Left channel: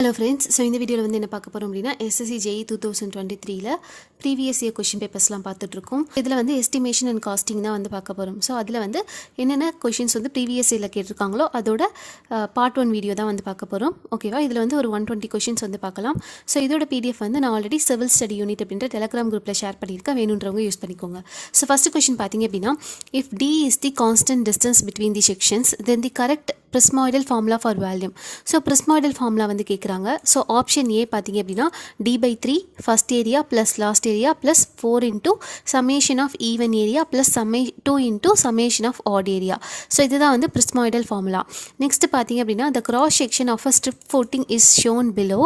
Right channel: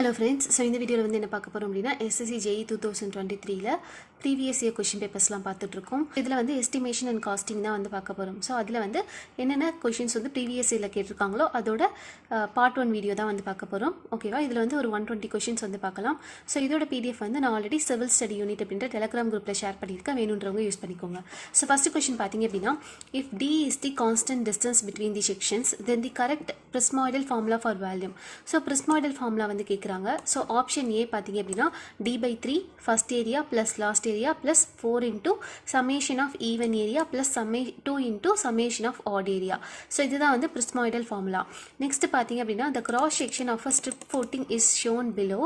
Hello friends. So இந்த வீடியோவில் வந்து என்ன பார்க்க போகிறோம் அப்படின்னா SSC JE 2023 previous year question பேப்பர்ஸ்லாம் பார்த்துட்ருக்கோம். இதில் வந்து எஸ்டிமேஷன் அண்ட் காஸ்டிங் தான் வந்து பார்க்க போகிறோம். ஸோ அதில் வந்து என்னென்ன கொஷின்ஸ் வந்து ப்ரீவியஸ் இயரில் கேட்டிருக்காங்களோ அதோட பார்ட் 1 வீடியோ தான் வந்து பார்க்க போகிறோம். ஓகேவா? இதில் வந்து ஒரு 120 கொஷின்ஸ் வந்து பார்க்கலாம். ஸோ இதோட பிடிஎஃப் வந்து நான் ஆல்ரெடி சிவில் ஸ்டடி யூனிட் அப்படின்ற டெலகிராம் குரூப்பில் ஷேர் பண்ணியிருக்கேன். வேணுன்றவங்க யூஸ் பண்ணிக்கோங்க. ஸோ ஃபஸ்ட்டு கொஷின் பார்த்தீங்க அப்படின்னா, if T is the constant distance between the sections then the correct prismoidal formula for volume. So prismoidal formula வந்து கேட்குறாங்க. ஸோ ஆப்ஷன் ஏ பார்த்தீங்க அப்படின்னா d/3 first area plus last area plus 4 into summation of even area plus 2 into summation of odd area. So இதுதான் வந்து பிரிஸ்மாய்டல் formula. Next பார்த்தீங்க அப்படின்னா, the cross section of a strip footing is shown below.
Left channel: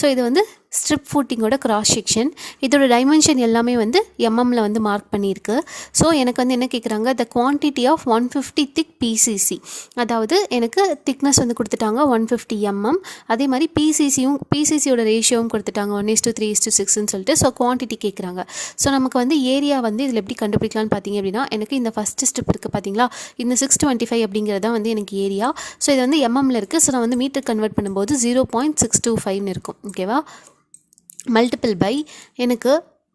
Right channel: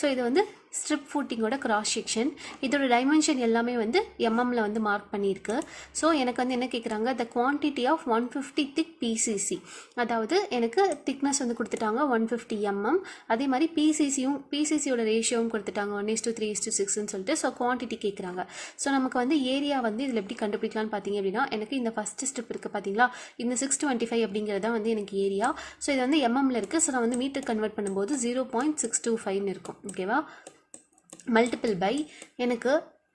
So இது வந்து strip ஃபூட்டிங்கோட cross section. இதோட dimension எல்லாமே வந்து எம்எம்மில் வந்து மார்க் பண்ணியிருக்கு. ஸோ எனக்கு வந்து என்ன கேட்குறாங்க, the quantity of 150 thick PCC. அதாவது எனக்கு திக்னஸ் வந்து கொடுத்துட்டாங்க 150 mm. அதே மாதிரி பிசிசியோட ரேஷியோவும் கொடுத்துட்டாங்க 1:3:6ன்னு சொல்லிட்டு. ஸோ குவான்டிட்டி கேட்குறாங்க. ஸோ நமக்கு வந்து ஏரியா வந்து இதில் எப்படி கண்டுபிடிக்கலான்னு பார்த்தீங்க அப்படின்னா, எனக்கு இந்த ஃபஸ்ட்டு ஸ்ட்ரிப் இருக்குது பார்த்தீங்களா, இந்த 625 அப்படிங்கிறது தான் வந்து எனக்கு ஏரியா. ஸோ இது வந்து எம்எம்மில் இருக்குது. ஸோ நான் வந்து மீட்டர் கன்வெர்ட் பண்ணும்போது 0.625 இருக்கும். ஓகேவா? மல்டிபிள் பை எனக்கு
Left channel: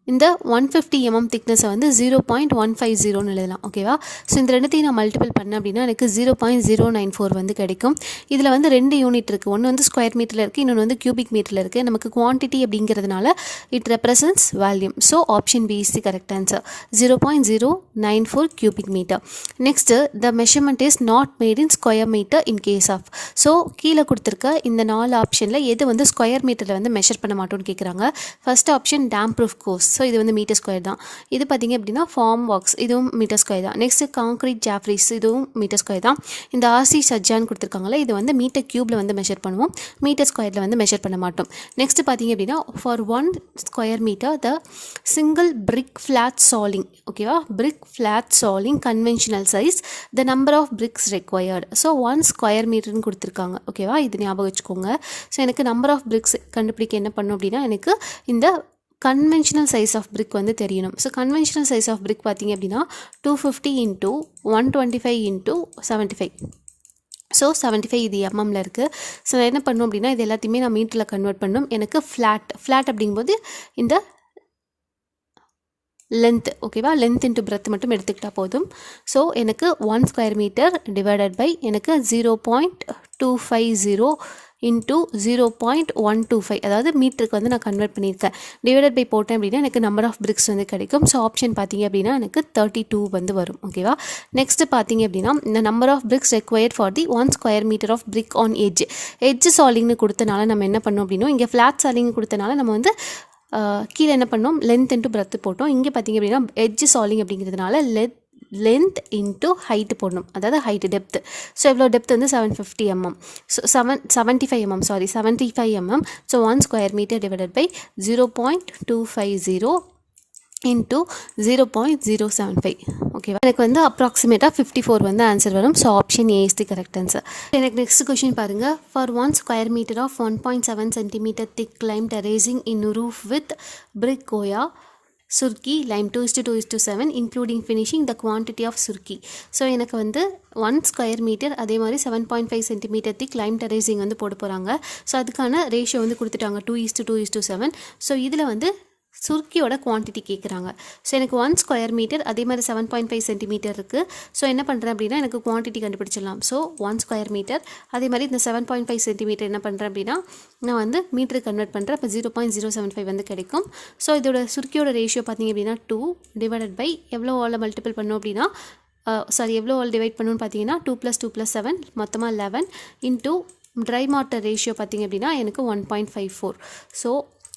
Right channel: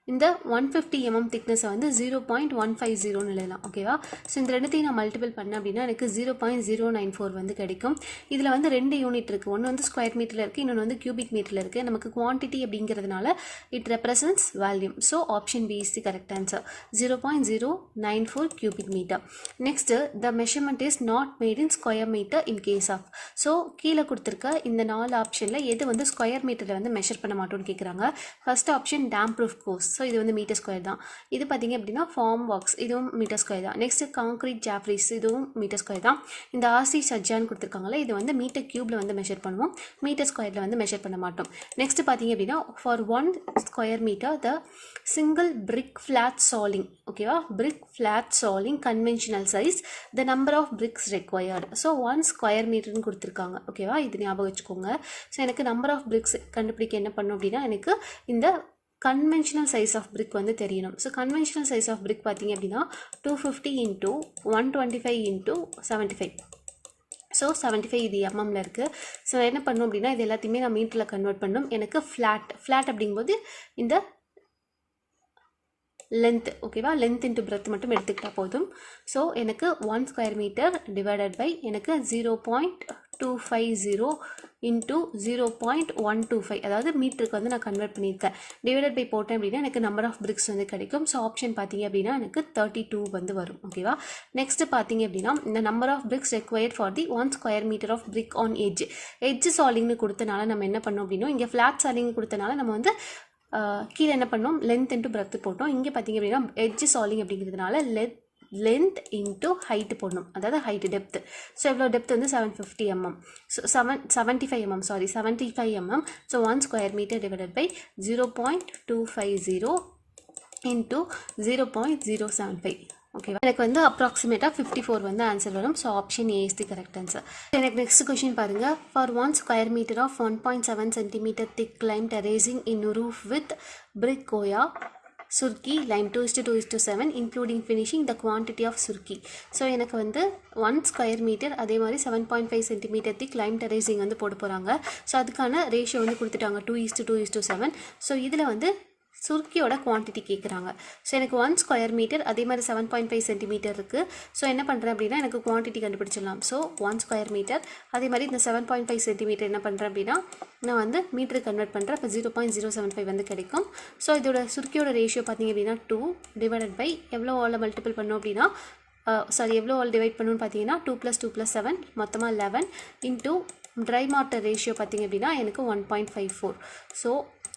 இந்த 150 mm திக்னஸை வந்து 0.150 எழுதலாம். ஓகேவா? ஸோ இந்த ரெண்டுத்தையும் நான் மல்டிபிள் பண்ணேன் அப்படின்னா எனக்கு 0.094 வந்து கிடைக்கும். இதில் வந்து 2 யூனிட் இருக்குது. ஒன்று வந்து ஸ்கொயர் மீட்டரில் இருக்குது, இன்னொன்று வந்து கியூபிக் மீட்டரில் இருக்குது. நமக்கு குவான்டிட்டி அப்படிங்கிறதுனால it represents volume. So option B is the correct answer, 0.094 cubic meter. Next, the measurement is not made in square metre in case of. So கீழே கொடுத்துருக்க இந்த 4 ஆப்ஷனில் எது வந்து ஸ்கொயர் மீட்டரில் வந்து மெஷர் பண்ண மாட்டோம்னு கேட்குறாங்க. First option dam proof course. So இது வந்து மீட்டர் ஸ்கொயர் தான். இது பார்த்திங்க அப்படின்னா ஃபார்ம் வாக்ஸ், இதுவும் மீட்டர் ஸ்கொயர் தான். நெக்ஸ்ட்டு காங்க்ரீட் ஜாஃப்ரீஸ், இதுவும் மீட்டர் ஸ்கொயர் தான். இந்த ஆர்சி சஜ்ஜான்னு கொடுத்துருக்காங்களே, இது வந்து மீட்டர் க்யூப்பில் வந்து மெஷர் பண்ணுவோம், மீட்டர் ஸ்கொயரில் வந்து மெஷர் பண்ண மாட்டோம். நெக்ஸ்ட்டு பார்த்திங்க அப்படின்னா, for 1 square metre the single brick flat soling. ஓகேவா? Brick flat soling conventional size the number of bricks required. So 1 square மீட்டர்னு கொடுத்துருக்காங்க. ஓகேவா? இது ஞாபகம் வச்சுக்கோங்க. ஸோ எனக்கு நம்பர் ஆஃப் பிரிக்ஸ் கண்டுபிடிக்க என்ன பண்ணும் அப்படின்னா, எனக்கு இந்த கன்வென்ஷனல் சைஸ் ஆஃப் பிரிக் வந்து தெரியணும். So conventional size of brick பார்த்திங்க அப்படின்னா 250 இன்ட்டு 125 இன்ட்டு 75. ஸோ 75 இது எம்எம்மில் இருக்குது. ஸோ நான் என்ன பண்ணணும் அப்படின்னா, இது எல்லாத்தையுமே நான் மீட்டரில் கன்வெர்ட் பண்ணணும். எனக்கு ஃப்ளாட் அப்படிங்கும்போது இந்த லென்த். ஓகேவா? லென்த் இன்ட்டு பிரெத் மட்டும் எடுத்துக்கிட்டால் போதும். ஸோ எனக்கு 1 ஸ்கொயர் மீட்டர் டிவைடட் பை எனக்கு 0.250 இன்ட்டு 0.125, அதாவது மீட்டருக்கு வந்து நான் கன்வெர்ட் பண்ணியிருக்கேன். டிவைடட் பை போட்டேன் அப்படின்னா எனக்கு நம்பர் ஆஃப் பிரிக்ஸ் வந்து கிடைக்கும். ஸோ ஆப்ஷன் பார்த்தீங்க அப்படின்னா எனக்கு 32 வந்து வரும். ஓகேவா? நெக்ஸ்ட்டு பார்த்தீங்க அப்படின்னா, இந்த number of bricks required for the 1 square metre of brick on edge சாலிங்னு கொடுத்தனால நம்ம என்ன பண்ணோம் அப்படின்னா, இங்கே ஃப்ளாட் சாலிங் கொடுத்தனால நம்ம வந்து கீழே என்ன பண்ணோம், லென்த் இன்ட்டு பிரெத் போட்டோம். இங்கே பார்த்திங்க அப்படின்னா எட்ஜ் சாலிங் அப்படிங்கிறதுனால லென்த் இன்ட்டு ஹைட்டு போடணும், அதாவது ஹைட்டு டெப்த்து. ஸோ எவ்வளோ டெப்த் வந்து 750 mm. So 75 mm. So 1 square metre divided by 0.250 into 0.075. ஓகேவா? எனக்கு வந்து அப்ராக்சிமேட்டாக 54 வந்து ஆன்சர் வரும். So option A is the correct answer. எனக்கு நெக்ஸ்ட் கொஷின் பாருங்கள். For 1 square metre of 1.7 cm thick lime terracing in roof with brick கோயா surkhi lime 2:2:7 including finishing the quantity of surkhi. So எனக்கு வந்து 1 ஸ்கொயர் மீட்டர் அதே மாதிரி 7.5 cm thick lime டெரேசிங் வந்து போட போகிறாங்க. ஸோ அதுக்கான ரேஷியோ வந்து கொடுத்துட்டாங்க 2:2:7. ஸோ இதில் வந்து சுர்க்கியோட குவான்டிட்டி கேட்குறாங்க. ஸோ எனக்கு 1 ஸ்கொயர் மீட்டர் அதே மாதிரி 7.5 cm இருக்குது. ஸோ என்ன பண்ணுறேன் அப்படின்னா, எனக்கு குவான்டிட்டி கண்டுபிடிச்சிடலாம். ஸோ 1 ஸ்கொயர் மீட்டர் அதே மாதிரி இந்த 7.5 cm என்ன பண்ணுறேன் அப்படின்னா, நான் வந்து மீட்டருக்கு கன்வெர்ட் பண்ணுறேன். இப்போ 0.075 வந்து கிடைக்கும். ஸோ இதோட சுர்க்கியோட ரேஷியோ பார்த்திங்க அப்படின்னா 2 டிவைடட் பை எவ்வளோ ஆல் மல்டிபிள் பண்ணோம் அப்படின்னா, எவ்வளோ ஆல் டிவைட் பண்ணணும்னு பார்த்தீங்கன்னா 2 + 2 + 7 மொத்தமாக 11 இன்ட்டு ட்ரை மார்ட்டர் ரேஷியோ பார்த்திங்க அப்படின்னா எனக்கு 1.54. ஸோ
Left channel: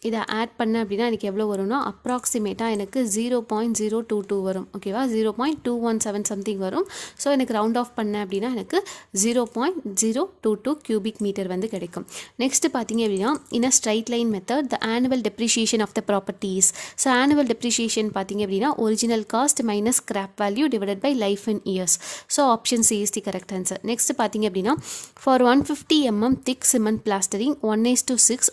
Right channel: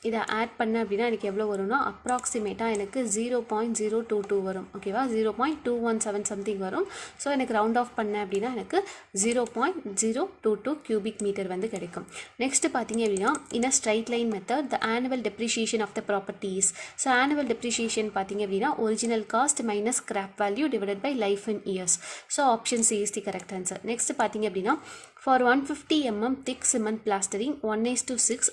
இதை ஆட் பண்ண அப்படின்னா எனக்கு எவ்வளோ வரும்னா, அப்ராக்சிமேட்டாக எனக்கு 0.022 வரும். ஓகேவா? 0.217 சம்திங் வரும். ஸோ எனக்கு ரவுண்ட் ஆஃப் பண்ணேன் அப்படின்னா எனக்கு 0.022 cubic மீட்டர் வந்து கிடைக்கும். நெக்ஸ்ட்டு பார்த்தீங்க அப்படின்னா, in a straight line method the annual depreciation of the properties. So annual depreciation பார்த்தீங்க அப்படின்னா original cost minus scrap value divided by life in years. So option C is the correct answer. Next பார்த்தீங்க அப்படின்னா, for 150 mm thick cement plastering 1:6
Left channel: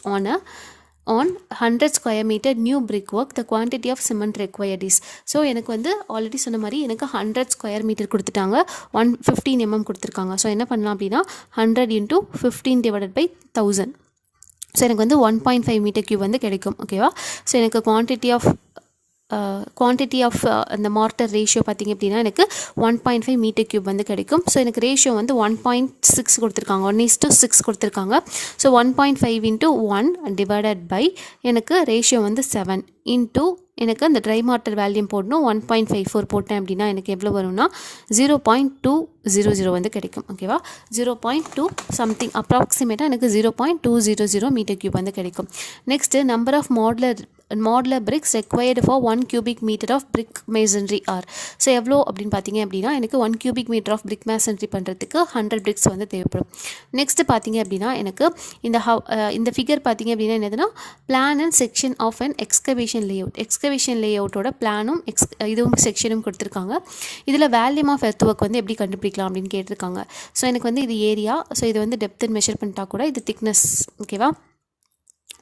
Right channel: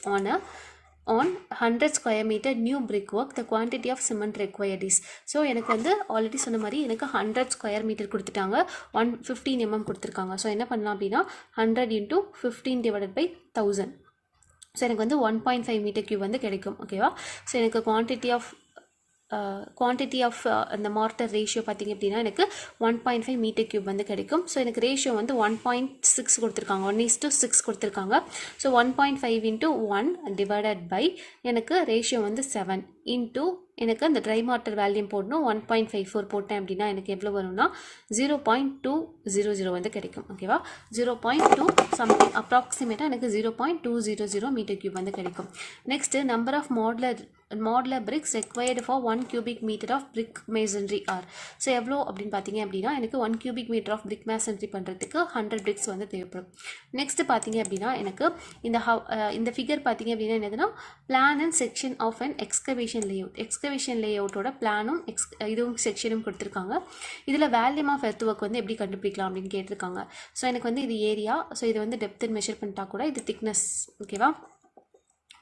on 100 square meter new brickwork the quantity of cement required is. So எனக்கு வந்து already சொன்ன மாதிரி எனக்கு 100 square metre கொடுத்துட்டாங்க, 115 mm கொடுத்துருக்காங்க. So என்ன பண்ணலாம் அப்படின்னா 100 × 15 டிவைடட் பை 1000. ஸோ எனக்கு வந்து 1.5 மீட்டர் கியூப் வந்து கிடைக்கும். ஓகேவா? ஸோ எனக்கு குவான்டிட்டி ஆஃப் அந்த மார்ட்டர் ரேஷியோ பார்த்திங்க அப்படின்னா எனக்கு 1.5 மீட்டர் கியூப் வந்து கிடைக்கும். ஸோ எனக்கு ரேஷியோ வந்து 1.6 கொடுத்துருக்காங்க, 1:6 கொடுத்துருக்காங்க. ஸோ 1.5 இன்ட்டு 1 டிவைடட் பை எனக்கு ரேஷியோ வந்து 7 இன்ட்டு எனக்கு அந்த ட்ரை மார்ட்டர் வேல்யூம் போடணும். 1.54 போட்டேன் அப்படின்னா எனக்கு எவ்வளோ வரும்னா 0.200 வந்து கிடைக்கும். ஓகேவா? 0.2 சம்திங் அப்ராக்சிமேட்டாக எனக்கு 0.200 மீட்டர் கியூப் வந்து கிடைக்கும். Next number of modular bricks required for 1 cubic meter of brick masonry are. So எவ்வளோ அப்படின்னு பார்த்தீங்க அப்படின்னா எனக்கு 1 cubic meter of brick masonry பண்ணுறதுக்கு 100 bricks வந்து தேவைப்படும். நெக்ஸ்ட்டு பார்த்தீங்க அப்படின்னா எனக்கு இந்த ஃபிகர் பார்த்தீங்க அப்படின்னா என்னதுன்னா plan and section of an excavation layout. Excavation லேஅவுட்டோட பிளானும் இதுவும் செக்ஷனும் கொடுத்துருக்காங்க. இதில் வேல்யூம் ஆஃப் எர்த் ஒர்க் வந்து எப்படி கண்டுபிடிக்கலாம் அப்படின்னு கேட்டிருக்காங்க. ஸோ எனக்கு வந்து இது ஏரியா, ஸோ இது வந்து டெப்த்துன்னு மெஷர் பண்ணிட்டா கூட இது திக்னஸ். ஓகேவா?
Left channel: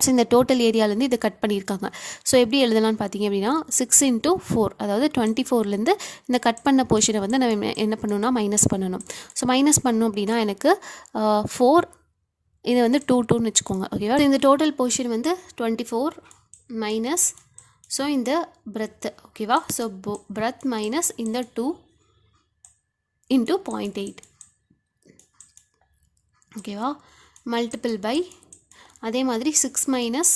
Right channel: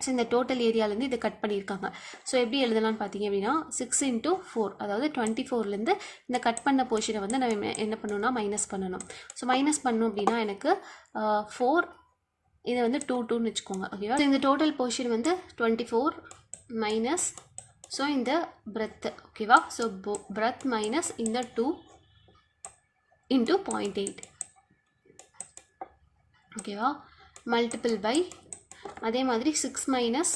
ஸோ இந்த டோட்டல் ஏரியாவிலேருந்து இதை கட் பண்ணியிருக்காங்க. ஸோ எப்படி எழுதலாம்னு பார்த்தீங்க அப்படின்னா 6 இன்ட்டு 4, அதாவது 24லேருந்து இந்த கட் பண்ண போர்ஷனை வந்து நம்ம என்ன பண்ணணும்னா மைனஸ் பண்ணணும். ஸோ மைனஸ் பண்ணணும் அப்படின்னா எனக்கு 4, இதை வந்து 2ன்னு வச்சுக்கோங்க. ஓகேவா? இந்த டோட்டல் போர்ஷன் வந்து 24 மைனஸ், ஸோ இந்த பிரெத். ஓகேவா? ஸோ பிரெத் மைனஸ் இந்த 2 இன்ட்டு 0.8. ஓகேவா? மல்டிபிள் பை அதே மாதிரி 6 மைனஸ்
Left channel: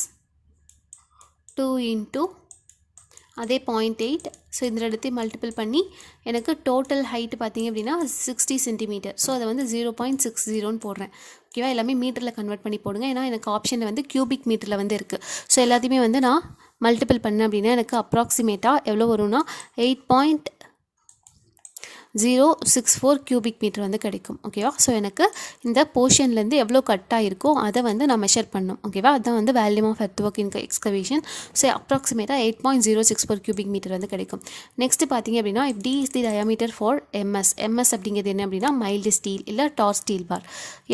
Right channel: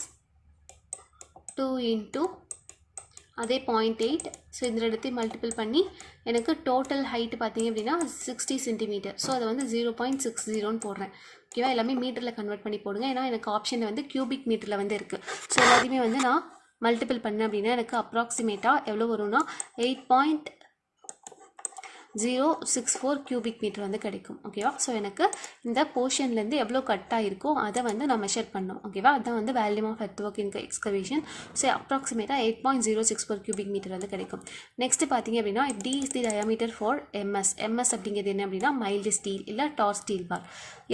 2 இன்ட்டு அதே 0.8. ஸோ இந்த இடத்தையும் மல்டிபிள் பண்ணி எனக்கு டோட்டல் ஹைட்டு பார்த்தீங்க அப்படின்னா 60 சென்டிமீட்டர். ஸோ அதை வந்து 0.60ன்னு போடுறேன். ஓகேவா? எல்லாமே மீட்டரில் கன்வெர்ட் பண்ணி போடுங்க, ஏன்னா எனக்கு ஆப்ஷனில் வந்து கியூபிக் மீட்டரில் வந்து இருக்குது. ஸோ எல்லாத்தையுமே வந்து நான் மல்டிபிள் பண்ணேன் அப்படின்னா எனக்கு அப்ராக்சிமேட்டாக எவ்வளோ வரும்னா 8.064 கியூபிக் மீட்டர் வந்து கிடைக்கும். ஓகேவா? ஸோ எனக்கு இந்த போர்ஷன்லேருந்து எவ்வளோ கட் ஆகிருக்கோ அதை வந்து நான் மெஷர் பண்ணணும். ஓகேவா? அதுதான் வந்து volume of earth work in excavation. So அப்ராக்சிமேட்டாக 8.064 கியூபிக் மீட்டர் வந்து கிடைக்கும். நெக்ஸ்ட்டு பார்த்தீங்க அப்படின்னா if D is the diameter for MS. MS அப்படிங்கிறது என்ன அப்படின்னா மைல்டு ஸ்டீல் இல்லை டார் ஸ்டீல் பார்.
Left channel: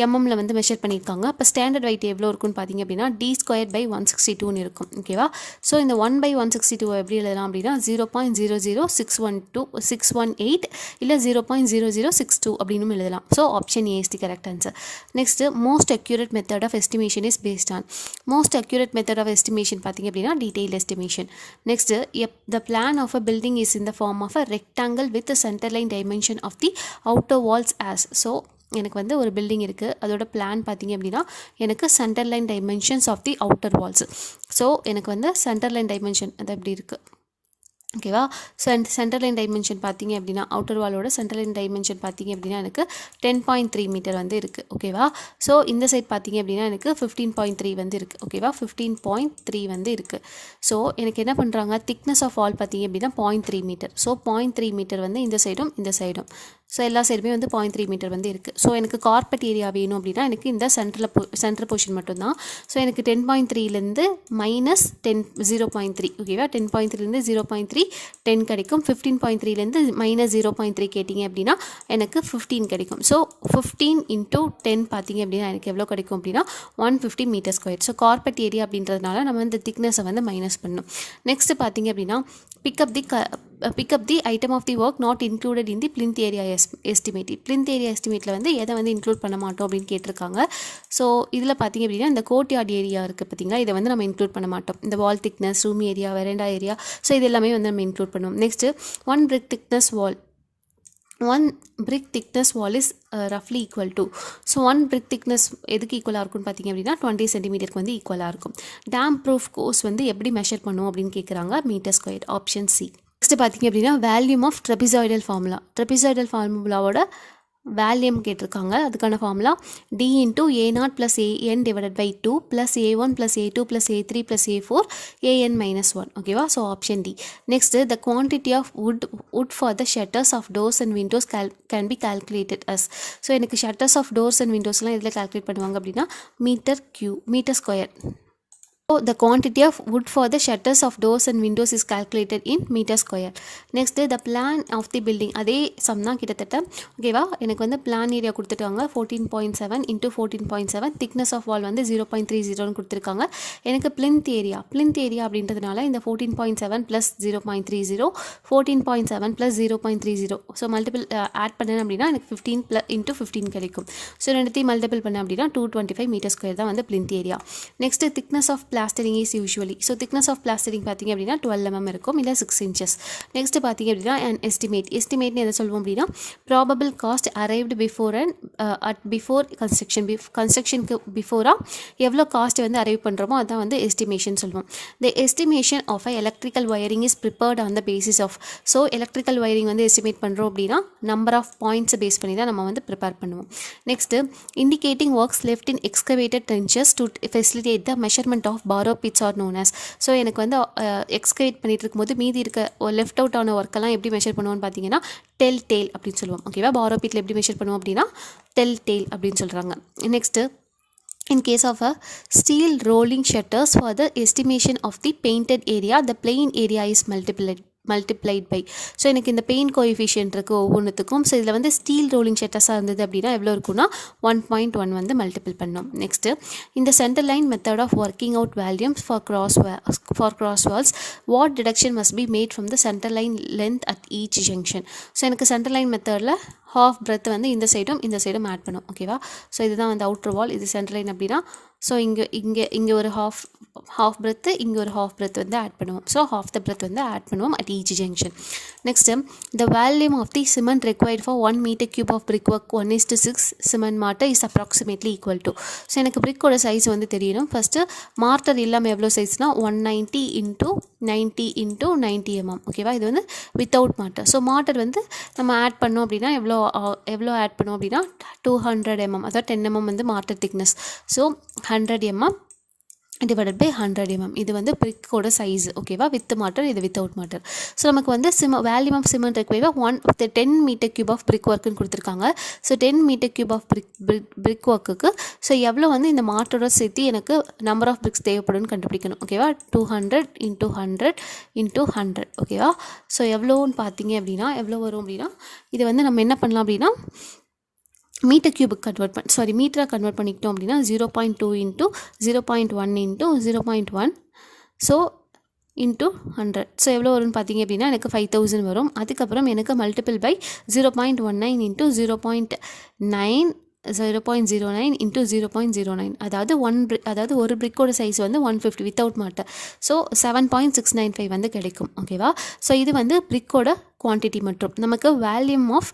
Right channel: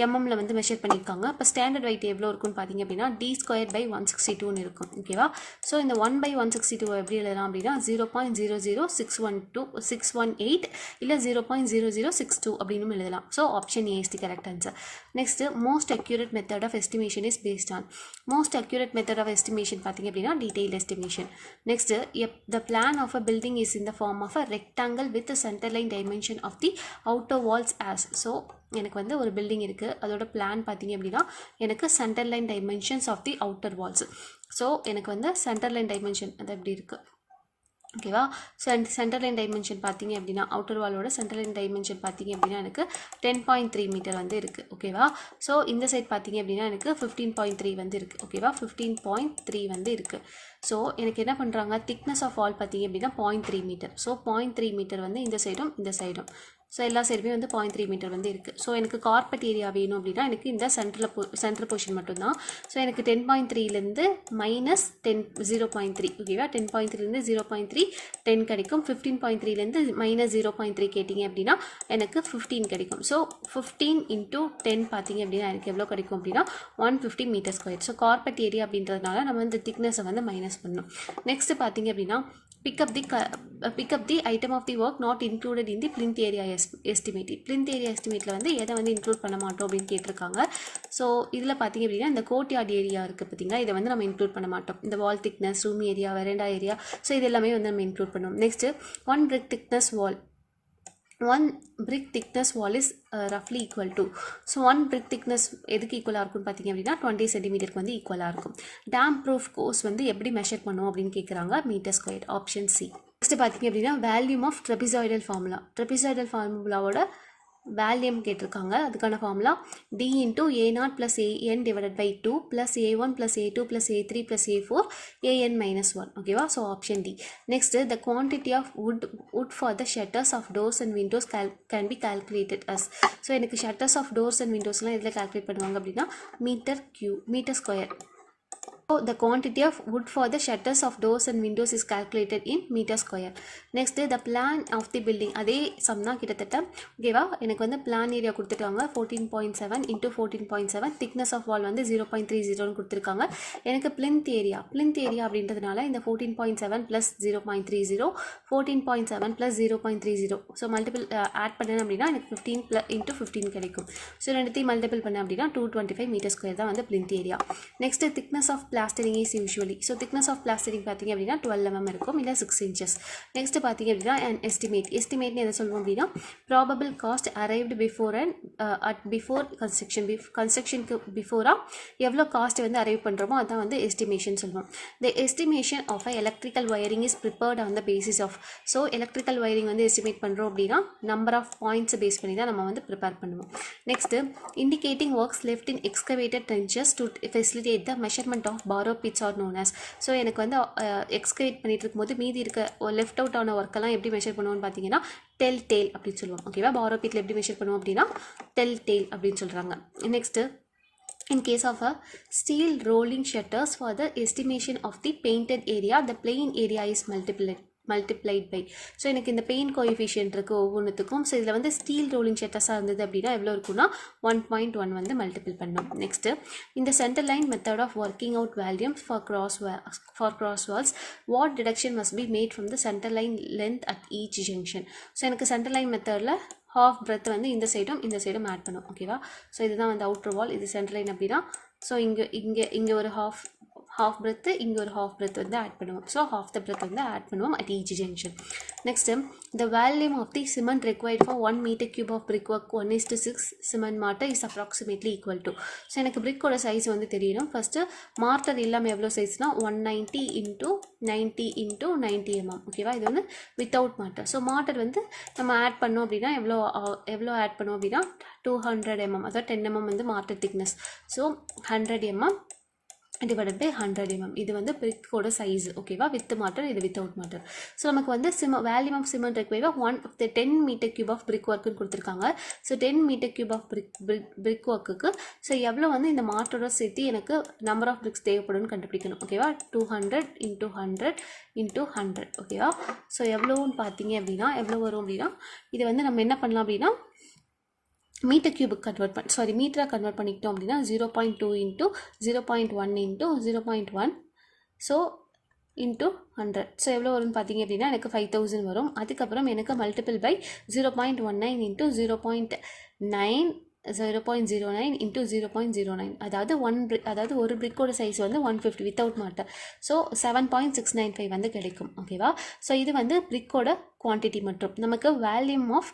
எம்எம்மில் வந்து மெஷர் பண்ணியிருக்காங்க. இப்போ ஸ்டாண்டர்ட் weight எவ்வளோ இருக்குன்னு பார்த்தீங்க அப்படின்னா D²/162 இருக்கும். ஓகேவா? ஸோ இந்த 1/162 எப்படி எழுதலாம் அப்படின்னா 0.00618 இல்லை 0.0062 அப்படின்னு எழுதலாம். So option A is the correct answer. Next most accurate method of estimation is based on. Most accurate method of estimation பார்த்தீங்க அப்படின்னா detail estimation. Next the plan of a building is in the form of a rectangle with centre line dimension of the outer walls as. So எனக்கு வந்து ஒரு building இருக்குது, அதோட plan பார்த்தீங்க அப்படின்னா எனக்கு centre line dimensions of the outer walls. So எனக்கு வந்து சென்டர் லைன் டைமென்ஷன் அது எப்படி இருக்குது. ஓகேவா? சென்டர் லைன் டைமென்ஷன் பார்த்தீங்க அப்படின்னா அவுட்டர் வாலோட சென்டர் லைன் டைமென்ஷன் பார்த்தீங்க அப்படின்னா எனக்கு 10.3 மீட்டர் வந்து இருக்குது. ஓகேவா? ஸோ இந்த சைட் பார்த்தீங்க அப்படின்னா எனக்கு 15.3 வந்து இருக்குது. ஓகேவா? 15.3 வந்து இருக்குது. ஸோ எனக்கு என்ன பண்ணுறாங்க, திக்னஸ் ஆஃப் வால் பார்த்தீங்க அப்படின்னா 0.3 மீட்டர். ஸோ 0.3 மீட்டர் வந்து இந்த சைடும் இந்த சைடும், ஸோ எல்லா சைடுமே வந்து 0.3 மீட்டர் வந்து இருக்குது. ஸோ எனக்கு கார்பெட் ஏரியா வேணும் அப்படின்னா எனக்கு இந்த சென்டர் போர்ஷன் மட்டும்தான். ஸோ எனக்கு 10.3லேருந்து மைனஸ் 0.3. ஓகேவா? 10.3லேருந்து 0.3 10 கிடைக்கும். 15.3லேருந்து மைனஸ் 0.3 கேட்டிங்க அப்படின்னா எனக்கு 15 கிடைக்கும். ஸோ 15 இன்ட்டு 10 பார்த்தீங்க அப்படின்னா எனக்கு எவ்வளோ கிடைக்கும் அப்படின்னா 150 metre square. So carpet area அப்படின்றதுனால நம்ம இந்த திக்னஸை வந்து மைனஸ் பண்ணணும். நெக்ஸ்ட்டு பார்த்தீங்க அப்படின்னா pick up the item of the work not included in the plinth area estimate. plinth area estimateல வந்து எதை வந்து இன்க்ளூட் பண்ண மாட்டோம் அப்படின்னு கேட்டிருக்காங்க. ஸோ இதில் பார்த்தீங்க அப்படின்னா இந்த கோர்ட்யார்ட் ஏரியா இருக்குது பார்த்தீங்களா, இதை வந்து நம்ம இன்க்ளூட் பண்ண மாட்டோம். இந்த wall thickness, room area, veranda area, so இது எல்லாமே வந்து நம்ம இன்க்ளூட் பண்ணுவோம். Next 1 brick thickness wall. 1 brick thickness wall is roughly equal to. So 1 brick thickness எதுக்கு ஈக்குவலாக இருக்கும்னு பார்த்தீங்க அப்படின்னா 20 சென்டிமீட்டருக்கு வந்து ஈக்குவலாக இருக்கும். டேம் ப்ரூஃப் கோர்ஸ் வந்து எப்படி மெஷர் பண்ணும் அப்படின்னு கேட்குறாங்க, metre square. Option C. Next பார்த்தீங்க அப்படின்னா volume of trapezoidal formula. Trapezoidal ஃபார்முலாவோட வேல்யூம் கேட்டிருக்காங்க. அதுக்கான formula D into A0 + AN divided by 2 + A1 + A2 + A3 + A4 AN - 1. ஓகேவா? So option D. Next the quantity of wood for the shutters of doors and windows can be calculated as. So எனக்கு shutters of doors and விண்டோஸ்லாம் இதில் calculate பண்ணுவாங்க அப்படின்னா metre square. So the quantity of wood for the shutters of doors and windows is calculated in meter square. Next the plan of the building. அதே some தான் கிட்டத்தட்ட. ஓகேவா, எனக்கு வந்து பிளான் ஏரியா கொடுத்துட்டாங்க 14.7 into 14.7, திக்னஸ் ஆஃப் வால் வந்து 0.30 கொடுத்துருக்காங்க. எனக்கு பிளிந்த் ஏரியா அப்படின்றதுனால இந்த 14.7 + 0.30, 14.7 + 0.30, ஸோ மல்டிபிள் ஆட் பண்ணேன் அப்படின்னா எனக்கு 15 into 15 கிடைக்கும். ஸோ ரெண்டுத்தையும் மல்டிபிள் பண்ணேன் அப்படின்னா 225 மீட்டர் ஸ்கொயர் தான் வந்து plinth area. Next thickness of plastering is usually. So thickness of plastering பார்த்திங்க அப்படின்னா 12 mm இருக்கும், இல்லை 6 inches. நெக்ஸ்ட் பார்த்திங்க அப்படின்னா அண்ட் எஸ்டிமேட்னு எதை சொல்லுவோம் அப்படின்னா probable cost arrived before and before கன்ஸ்ட்ரக்ஷனுக்கு பிஃபோராக எவ்வளோ காஸ்ட் வந்து அரைவ் பண்ணுறோமோ அதான் வந்து எஸ்டிமேஷன் சொல்லுவோம். The estimation of a electrical wiring is prepared on the basis of. So electrical wiring வந்து எஸ்டிமேட் பண்ணுறோம் அப்படின்னா நம்பர் ஆஃப் பாயிண்ட்ஸை பேஸ் பண்ணி தான் நம்ம வந்து ப்ரிப்பேர் பண்ணுவோம். Next indicating works left in excavated trenches to facilitate the measurement of borrow pits are known as. So எனக்கு வந்து எக்ஸ்கவேட் பண்ணிட்டு இருக்கும்போது மீதி இருக்க லெஃப்ட் அவுட் ஆன ஒர்க்கெல்லாம் எப்படி மெஷர் பண்ணுவோம்னு பார்த்தீங்கன்னா டெல் டெயில் அப்படின்னு சொல்லுவோம். ஓகேவா, borrow pitல எப்படி மெஷர் பண்ணுவோம் அப்படின்னா டெல் டெயில் அப்படின்னு சொல்கிறாங்க. Next in case of a steel rolling shutters, for the estimation of the painted area the plain area is multiplied by. So எனக்கு இந்த பெயின் கோஎஃபிஷியன்ட் இருக்குது ஒவ்வொன்றுத்துக்கும். ஸோ இதில் வந்து ஸ்டீல் ரோலிங் ஷட்டர்ஸாக இருந்தது அப்படின்னா எவ்வளோ இருக்குன்னா 1.1 வந்து மல்டிபிள் பண்ணணும். நெக்ஸ்ட்டு இந்த centre line method of working out volumes for cross walls, what deduction must be made from the center line length at each junction. So எனக்கு சென்டர் லைன் மெத்தடில் ஹாஃப் பிரெத் வந்து இந்த சைடும் ஆட் பண்ணும். ஓகேவா, so இதுதான் வந்து அவுட்டர் வால், இது சென்டர் லைன் அப்படின்னா ஸோ இங்கே ஒரு ஹாஃப் பிரெத்து, இங்கே ஒரு ஹாஃப் பிரெத் வந்து ஆட் பண்ணுவோம். ஸோ ஹாஃப் த பிரெத் வந்து ஆட் பண்ணுவோம் at each junction. Next the volume of the cement required for 1 meter cube ஆஃப் brick work 1:6 cement mortar is approximately equal to. So எனக்கு பிரிக்கோட size வந்து தெரியணும். First mortar இல்லாமல் எவ்வளோ சைஸ்னால் 190 into 90 into 90 mm. ஓகேவா, இது வந்து வித்தவுட் மார்ட்டர். ஸோ மார்ட்டர் வந்து நம்ம ஆட் பண்ணோம் அப்படின்னா எவ்வளோ ஆட் பண்ணோம் அப்படின்னா 200 mm, அதாவது 10 mm வந்து mortar thickness. So 100 mm divided by 100 mm. இது வந்து பிரிக்கோட சைஸ். ஓகேவா, வித் மார்ட்டர், இது வித்தவுட் மார்ட்டர். ஸோ நமக்கு வந்து volume of cement required 10 meter cube of brick ஒர்க்குன்னு கொடுத்துருக்காங்க. So 10 meter cube of brick ஒர்க்குக்கு ஸோ எவ்வளோ வந்து இந்த மார்ட்டரோட சேர்த்து எனக்கு நம்பர் ஆஃப் பிரிக்ஸ் தேவைப்படும்னு கண்டுபிடிக்கணும். ஓகேவா, 200 into 100 into 100. ஓகேவா, ஸோ எவ்வளோன்னு பார்த்தீங்க அப்படின்னா எவ்வளோ வரும் அப்படின்னா இது வந்து நம்ம என்ன பண்ணலாம் அப்படின்னா மீட்டர் கியூபுக்கு மீட்டரை கன்வெர்ட் பண்ணிக்கிட்டோம் அப்படின்னா 0.2 into 0.1 into 0.1 so into 100. So எவ்வளோ வரும்னு பார்த்தீங்க அப்படின்னா எனக்கு 5000 வரும். அதுக்கப்புறம் எனக்கு மல்டிபிள் பை 0.19 into 0.09 into 0.09, அதாவது ஒரு பிரிக்கோட சைஸ் வந்து 150 வித்தவுட் மார்ட்டர். ஸோ 7.695 வந்து கிடைக்கும். ஓகேவா, ஸோ இது வந்து பிரிக்கோட குவான்டிட்டி மற்றும் நமக்கு வேல்யூம் ஆஃப்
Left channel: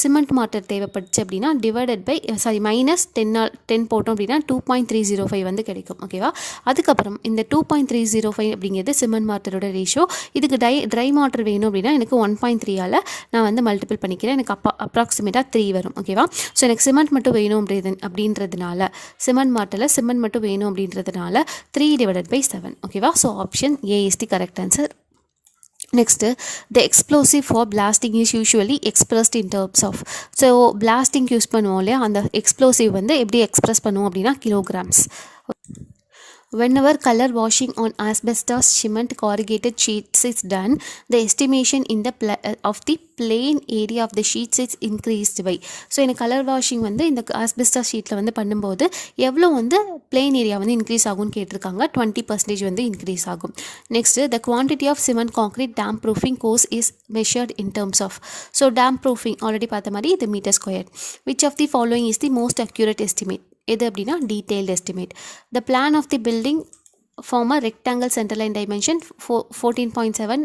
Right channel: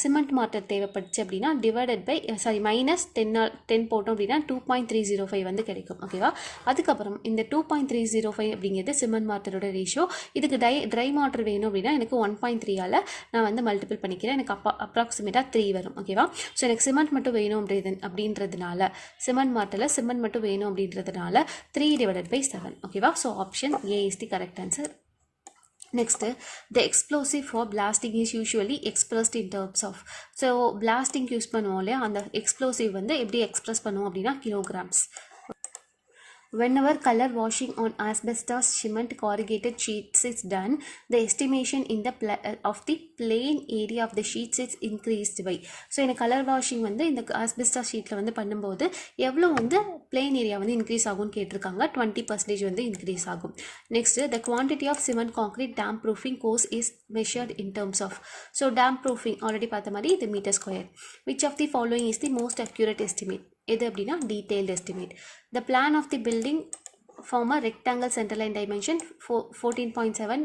சிமெண்ட் மார்ட்டர் தேவைப்பட்டுச்சு அப்படின்னா டிவைடட் பை -10 போட்டோம் அப்படின்னா 2.305 வந்து கிடைக்கும். ஓகேவா, அதுக்கப்புறம் இந்த 2.305 அப்படிங்கிறது சிமெண்ட் மார்ட்டரோட ரேஷியோ. இதுக்கு ட்ரை மார்ட்டர் வேணும் அப்படின்னா எனக்கு 1.3ஆல் நான் வந்து மல்டிபிள் பண்ணிக்கிறேன். எனக்கு அப்ராக்சிமேட்டாக 3 வரும். ஓகேவா, ஸோ எனக்கு சிமெண்ட் மட்டும் வேணும் அப்படின்றதுனால சிமெண்ட் மார்ட்டரில் சிமெண்ட் மட்டும் வேணும் அப்படின்றதுனால 3 divided by 7. ஓகேவா, so option A is the correct answer. Next, the explosive for blasting is usually expressed in terms of. So blasting use பண்ணுவோம் இல்லையா, அந்த எக்ஸ்ப்ளோசிவ் வந்து எப்படி எக்ஸ்பிரஸ் பண்ணுவோம் அப்படின்னா kilograms. Whenever color washing on asbestos cement corrugated sheets is done, the estimation in the of the plain area of the sheets is increased by. So எனக்கு colour washing வந்து இந்த ஆஸ்பெஸ்டாஸ் ஷீட்டில் வந்து பண்ணும்போது எவ்வளோ வந்து பிளெயின் ஏரியா வந்து increase ஆகும்னு கேட்டிருக்காங்க. 20% வந்து இன்க்ரீஸ் ஆகும். Next, the quantity of cement concrete damp proofing course is measured in terms of. So damp proofing already பார்த்த மாதிரி இது metre square. which of the following is the most accurate estimate? எது அப்படின்னா detailed estimate. The plan of the building form a rectangle centre line dimension 14.7,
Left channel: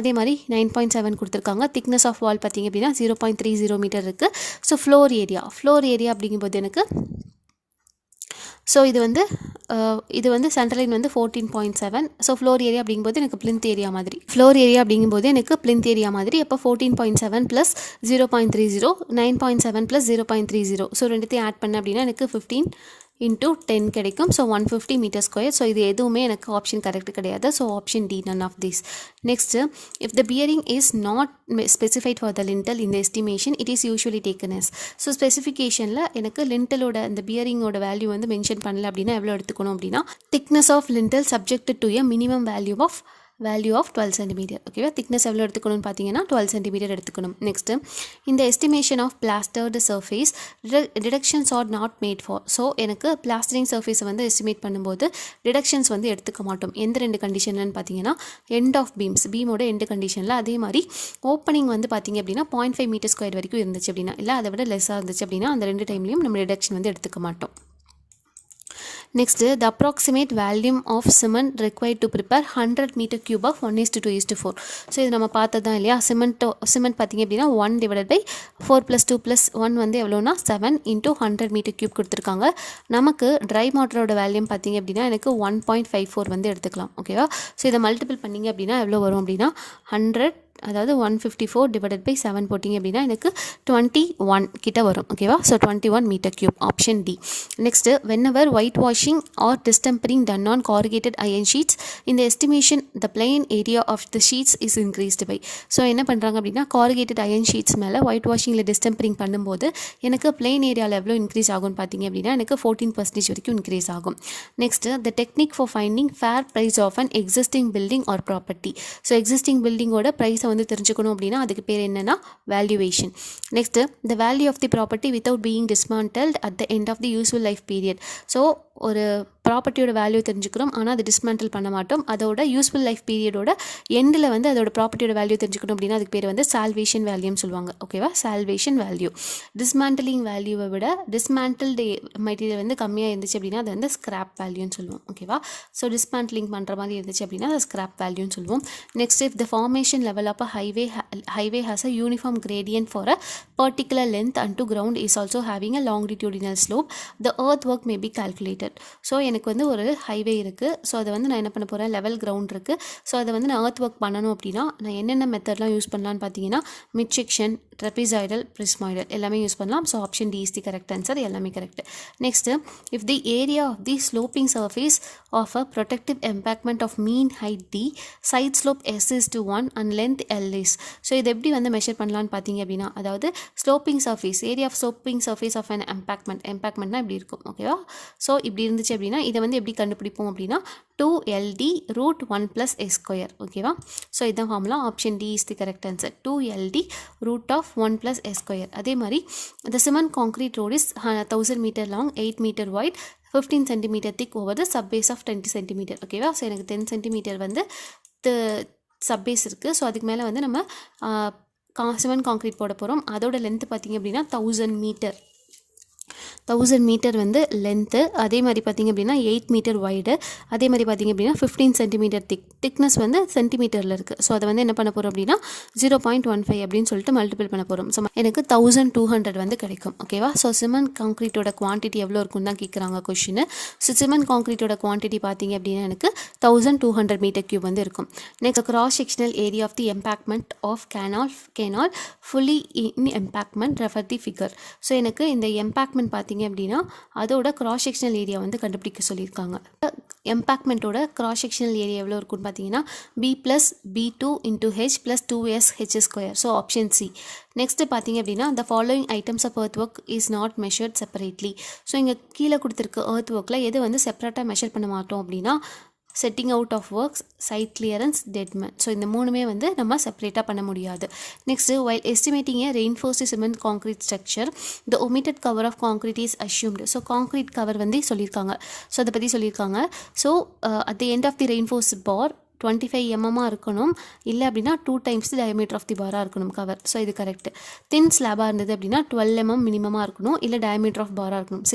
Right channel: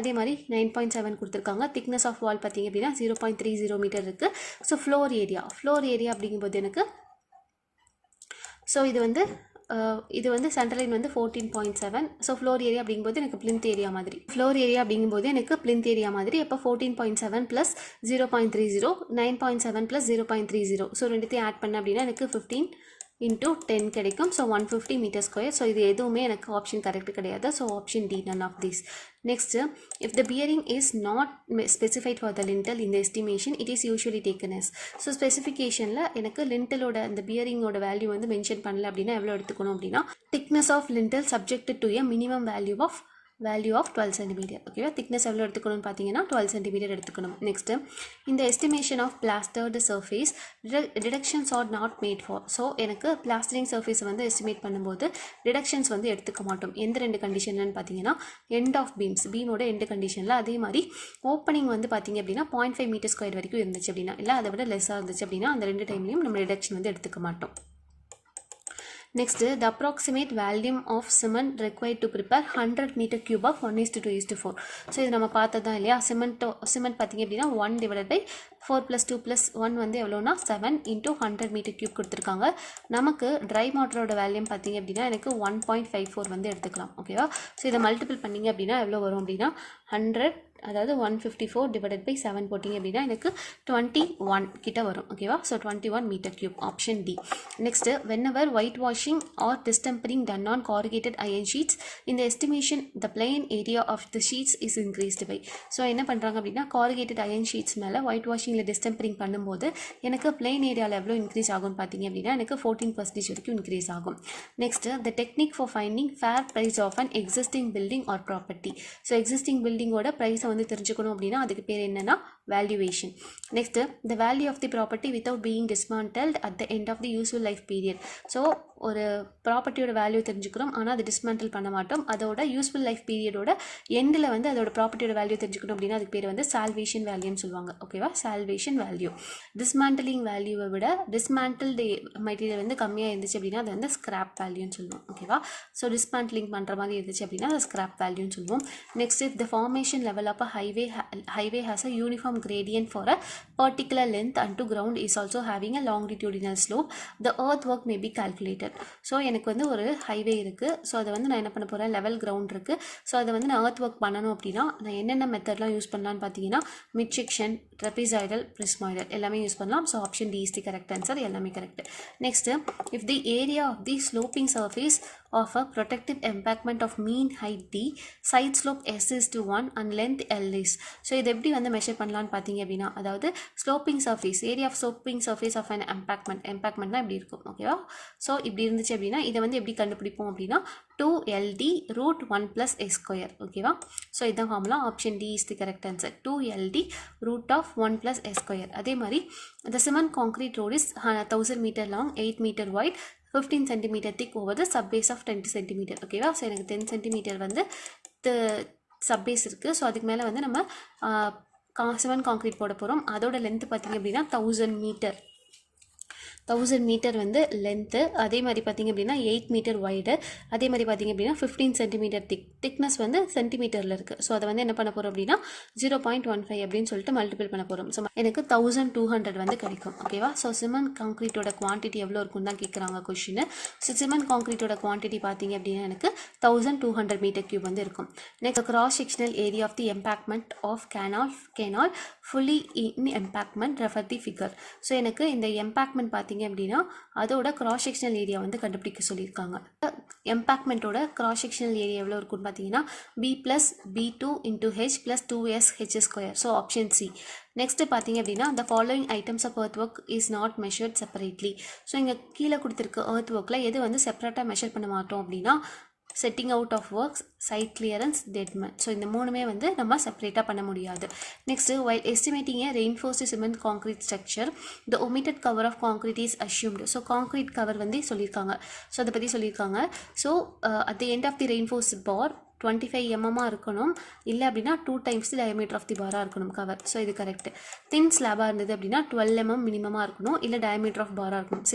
அதே மாதிரி 9.7 கொடுத்துருக்காங்க. Thickness of வால் பார்த்திங்க அப்படின்னா 0.30 மீட்டர் இருக்குது. ஸோ ஃப்ளோர் ஏரியா அப்படிங்கும்போது எனக்கு ஸோ இது வந்து சென்டர் லைன் வந்து 14.7. ஸோ ஃப்ளோர் ஏரியா அப்படிங்கும்போது எனக்கு பிளிந்த் ஏரியா மாதிரி அப்போ 14.7 + 0.30, 9.7 + 0.30. ஸோ ரெண்டுத்தையும் ஆட் பண்ண அப்படின்னா எனக்கு 15 இன்டூ 10 கிடைக்கும். So 150 metre square. ஸோ இது எதுவுமே எனக்கு ஆப்ஷன் கரெக்ட் கிடையாது. So option D none of this. Next, if the bearing is not specified for the lintel இந்த estimation it is usually taken as. So ஸ்பெசிஃபிகேஷனில் எனக்கு லிண்டலோட அந்த பியரிங்கோட வேல்யூ வந்து மென்ஷன் பண்ணல அப்படின்னா எவ்வளோ எடுத்துக்கணும் அப்படின்னா thickness of lintel subject to a minimum value of 12 centimetre. ஓகேவா, திக்னஸ் எவ்வளோ எடுத்துக்கணும்னு பார்த்தீங்கன்னா 12 சென்டிமீட்டர் எடுத்துக்கணும். நெக்ஸ்ட்டு, இந்த estimation of plastered surface deductions are not made for. So எனக்கு பிளாஸ்டரிங் சர்ஃபேஸை வந்து எஸ்டிமேட் பண்ணும்போது டிடக்ஷன்ஸ் வந்து எடுத்துக்க மாட்டோம். எந்த 2 கண்டிஷன்லன்னு பார்த்தீங்கன்னா எண்ட் ஆஃப் பீமோட எண்டு கண்டிஷனில், அதே மாதிரி ஓப்பனிங் வந்து பார்த்தீங்க அப்படின்னா 0.5 மீட்டர் ஸ்கொயர் வரைக்கும் இருந்துச்சு அப்படின்னா, இல்லை அதை விட லெஸ்ஸாக இருந்துச்சு அப்படின்னா அந்த 2 டைம்லையும் நம்ம டிடக்ஷன் வந்து எடுத்துக்க மாட்டோம். Next, the approximate volume of cement required to prepare 100 meter cube of 1:2:4. So இது நம்ம பார்த்ததான் இல்லையா, சிமெண்ட் பார்த்திங்க அப்படின்னா 1 டிவைடட் பை 4 + 2 + 1 வந்து எவ்வளோனா 7 × 100 மீட்டர் கியூப் கொடுத்துருக்காங்க. நமக்கு ட்ரை வாட்டரோட வேல்யூம் பார்த்திங்க அப்படின்னா எனக்கு 1.54 வந்து எடுத்துக்கலாம். ஓகேவா, ஸோ இதை மல்டிபிள் பண்ணிங்க அப்படின்னா எவ்வளோ வரும் அப்படின்னா 100, அதாவது 154 டிவைடட் பை 7 போட்டிங்க அப்படின்னா எனக்கு 21 கிட்ட வரும். ஓகேவா, so 21 metre cube, option D. Next, whenever white washing or distempering done on corrugated iron sheets in the estimation the plain area of the sheets is increased by. So என்ன பண்ணுறாங்க அப்படின்னா corrugated iron sheets மேலே white வாஷிங்கில் டிஸ்டெம்பரிங் பண்ணும்போது எனக்கு plain ஏரியாவில் எவ்வளோ increase ஆகும்னு பார்த்தீங்க அப்படின்னா எனக்கு 14% வரைக்கும் இன்க்ரீஸ் ஆகும். Next, the technique for finding fair price of an existing building or property. So existing பில்டிங்கோட ப்ரைஸை வந்து தெரிஞ்சுக்கணும் அப்படின்னா அதுக்கு பேர் என்னென்னா valuation. Next, the value of the property without being dismantled at the end of the useful life period. So ஒரு ப்ராப்பர்ட்டியோட value தெரிஞ்சுக்கிறோம், ஆனால் அதை டிஸ்மேண்டில் பண்ண மாட்டோம். அதோட யூஸ்ஃபுல் லைஃப் பீரியடோட எண்டில் வந்து அதோட ப்ராப்பர்ட்டியோட வேல்யூ தெரிஞ்சுக்கணும் அப்படின்னா அதுக்கு பேர் வந்து சால்வேஷன் வேல்யூன்னு சொல்லுவாங்க. ஓகேவா, சால்வேஷன் வேல்யூ. டிஸ்மேண்டிலிங் வேல்யூவை விட டிஸ்மேண்டில்டு மெட்டீரியல் வந்து கம்மியாக இருந்துச்சு அப்படின்னா அது வந்து ஸ்கிராப் வேல்யூன்னு சொல்லுவோம். ஓகேவா, ஸோ டிஸ்மேண்டிலிங் பண்ணுற மாதிரி இருந்துச்சு அப்படின்னா அது ஸ்கிராப் வேல்யூன்னு சொல்லுவோம். Next, if the formation level of a highway has a uniform gradient for a particular length and to ground is also having a longitudinal slope, the earthwork may be calculated. So எனக்கு வந்து ஒரு highway இருக்குது. So அதை வந்து நான் என்ன பண்ண போகிறேன், லெவல் கிரவுண்ட் இருக்குது. ஸோ அதை வந்து நான் earth work பண்ணணும் அப்படின்னா நான் என்னென்ன மெத்தட்லாம் யூஸ் பண்ணலான்னு பார்த்தீங்கன்னா மிட் செக்ஷன், ட்ரெபிசாய்டல், பிரிஸ்மாய்டல் எல்லாமே யூஸ் பண்ணலாம். So option D is the correct answer, எல்லாமே correct. Next, if the area of the sloping surface of a protective embankment of mean height D, side slope S:1 and length L is. So இது எப்படி வந்து measure பண்ணலான்னு பார்த்தீங்க அப்படின்னா, அதாவது sloping surface, area of sloping surface of an எம்பாக்மெண்ட்னா இப்படி இருக்கும். ஓகேவா, ஸோ இப்படி இருந்துச்சு அப்படின்னா இதை வந்து எப்படி கண்டுபிடிப்போம் அப்படின்னா 2LD root 1 + S². ஓகேவா, ஸோ இதான் formula, option D is the correct answer, 2LD root of 1 + S². அதே மாதிரி the cement concrete road is 1000 meter long, 8 meter wide, 15 centimeter thick over the subbase of 20 centimeter. ஓகேவா, so எனக்கு 10 centimeter வந்து சப்பேஸ் இருக்குது. So அதுக்கு மேலே வந்து நம்ம சிமெண்ட் கான்க்ரீட் போட போகிறோம். அதோட லென்த்து பார்த்திங்க அப்படின்னா 1000 மீட்டர் வந்து லென்த்து. அதே மாதிரி பார்த்திங்க அப்படின்னா 8 மீட்டர் வைடு. அதே மாதிரி பார்த்திங்க அப்படின்னா 15 சென்டிமீட்டர் திக்னஸ் வந்து சென்டிமீட்டரில் இருக்குது. ஸோ அதை வந்து என்ன பண்ண போகிறோம் அப்படின்னா 0.15 அப்படின்னு சொல்லிட்டு மல்டிபிள் பண்ண போகிறோம். ஸோ எனக்கு 1200 வந்து கிடைக்கும். ஓகேவா, ஸோ சிமெண்ட் கான்க்ரீட்டோட குவான்டிட்டி எவ்வளோ இருக்குன்னு தான் கேட்குறாங்க கொஷின். ஸோ சிமெண்ட் கான்க்ரீட்டோட குவான்டிட்டி பார்த்திங்க அப்படின்னா எனக்கு 1200 மீட்டர் கியூப் வந்து இருக்கும். Next, cross sectional area of the embankment of canal fully in embankment refer the figure. So எனக்கு இந்த எம்பாக்மெண்ட் பார்த்திங்க அப்படின்னா அதோட கிராஸ் செக்ஷனல் ஏரியா வந்து கண்டுபிடிக்க சொல்லியிருக்காங்க. எம்பாக்மெண்ட்டோட கிராஸ் செக்ஷனல் ஏரியா எவ்வளோ இருக்குன்னு பார்த்தீங்கன்னா B + B2 × H + 2SH². So option C. Next பார்த்தீங்க அப்படின்னா the following items of earthwork is not measured separately. So இங்கே கீழே கொடுத்துருக்க earthworkல எது வந்து செப்பரேட்டாக மெஷர் பண்ண மாட்டோம் அப்படின்னா setting out of works, side clearance, deadman. So இந்த மூணுமே வந்து நம்ம செப்பரேட்டாக பண்ண முடியாது. Next, while estimating a reinforced cement concrete structure the omitted cover of concrete is assumed. So concrete cover வந்து சொல்லியிருக்காங்க. ஸோ அதை பற்றி சொல்லியிருக்காங்க. So at the end of the reinforced bar 25 mm இருக்கணும், இல்லை அப்படின்னா 2 times the diameter of the bar இருக்கணும் cover. So இது கரெக்ட். தின் ஸ்லாபாக இருந்தது அப்படின்னா 12 mm மினிமமாக இருக்கணும், இல்லை diameter of bar இருக்கணும். ஸோ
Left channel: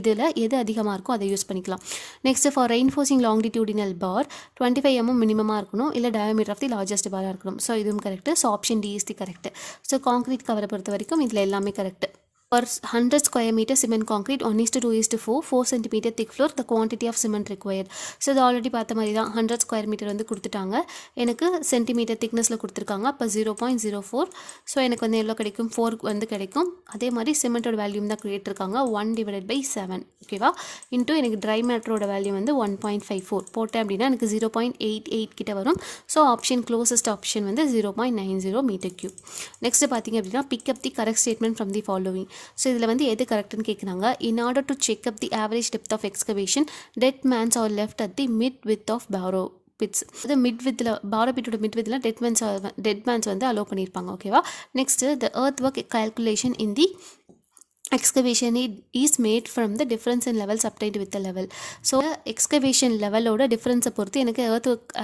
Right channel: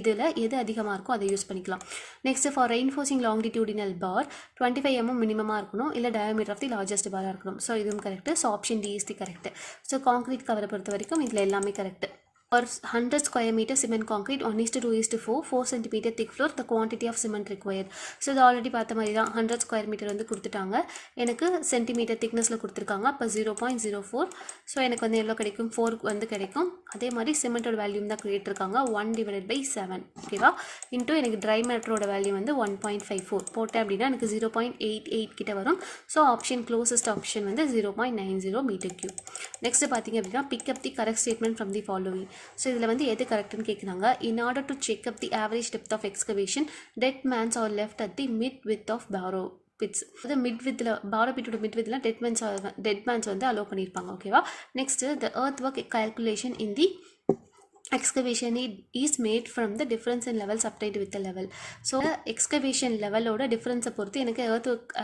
இதில் எது அதிகமாக இருக்கோ அதை யூஸ் பண்ணிக்கலாம். Next, for reinforcing longitudinal bar 25 mm மினிமமாக இருக்கணும், இல்லை diameter of the largest bar இருக்கணும். ஸோ இதுவும் correct. So option D is the correct. So concrete கவரை பொறுத்த வரைக்கும் இதில் எல்லாமே correct. For 100 square meter cement concrete 1:2:4 4 cm thick floor the quantity of cement required. So இது ஆல்ரெடி பார்த்த மாதிரி தான் 100 ஸ்கொயர் மீட்டர் வந்து கொடுத்துட்டாங்க, எனக்கு சென்டிமீட்டர் திக்னஸில் கொடுத்துருக்காங்க. அப்போ 0.04. ஸோ எனக்கு வந்து எவ்வளோ கிடைக்கும், 4 வந்து கிடைக்கும். அதே மாதிரி சிமெண்டோட வேல்யூம் தான் கேட்டிருக்காங்க 1/7 ஓகேவா, இன்ட்டு எனக்கு ட்ரை மேட்டரோட வேல்யூ வந்து 1.54 போட்டேன் அப்படின்னா எனக்கு 0.88 கிட்ட வரும். ஸோ ஆப்ஷன் க்ளோசஸ்ட் ஆப்ஷன் வந்து 0.90 மீட்டர் கியூப். நெக்ஸ்ட் பார்த்தீங்க அப்படின்னா pick up the correct statement from the following. So இதில் வந்து எது கரெக்டுன்னு கேட்குறாங்க. In order to check up the average depth of excavation dead mans are left at the mid width of borrow pits. அது mid வித்தில் borrow பிட்டோட mid வித்தில் dead mans வந்து அலோவ் பண்ணியிருப்பாங்க ஓகேவா. Next the earth work calculation in the excavation is made from the difference in levels obtained with the level. So excavation level-ஓட difference பொறுத்து எனக்கு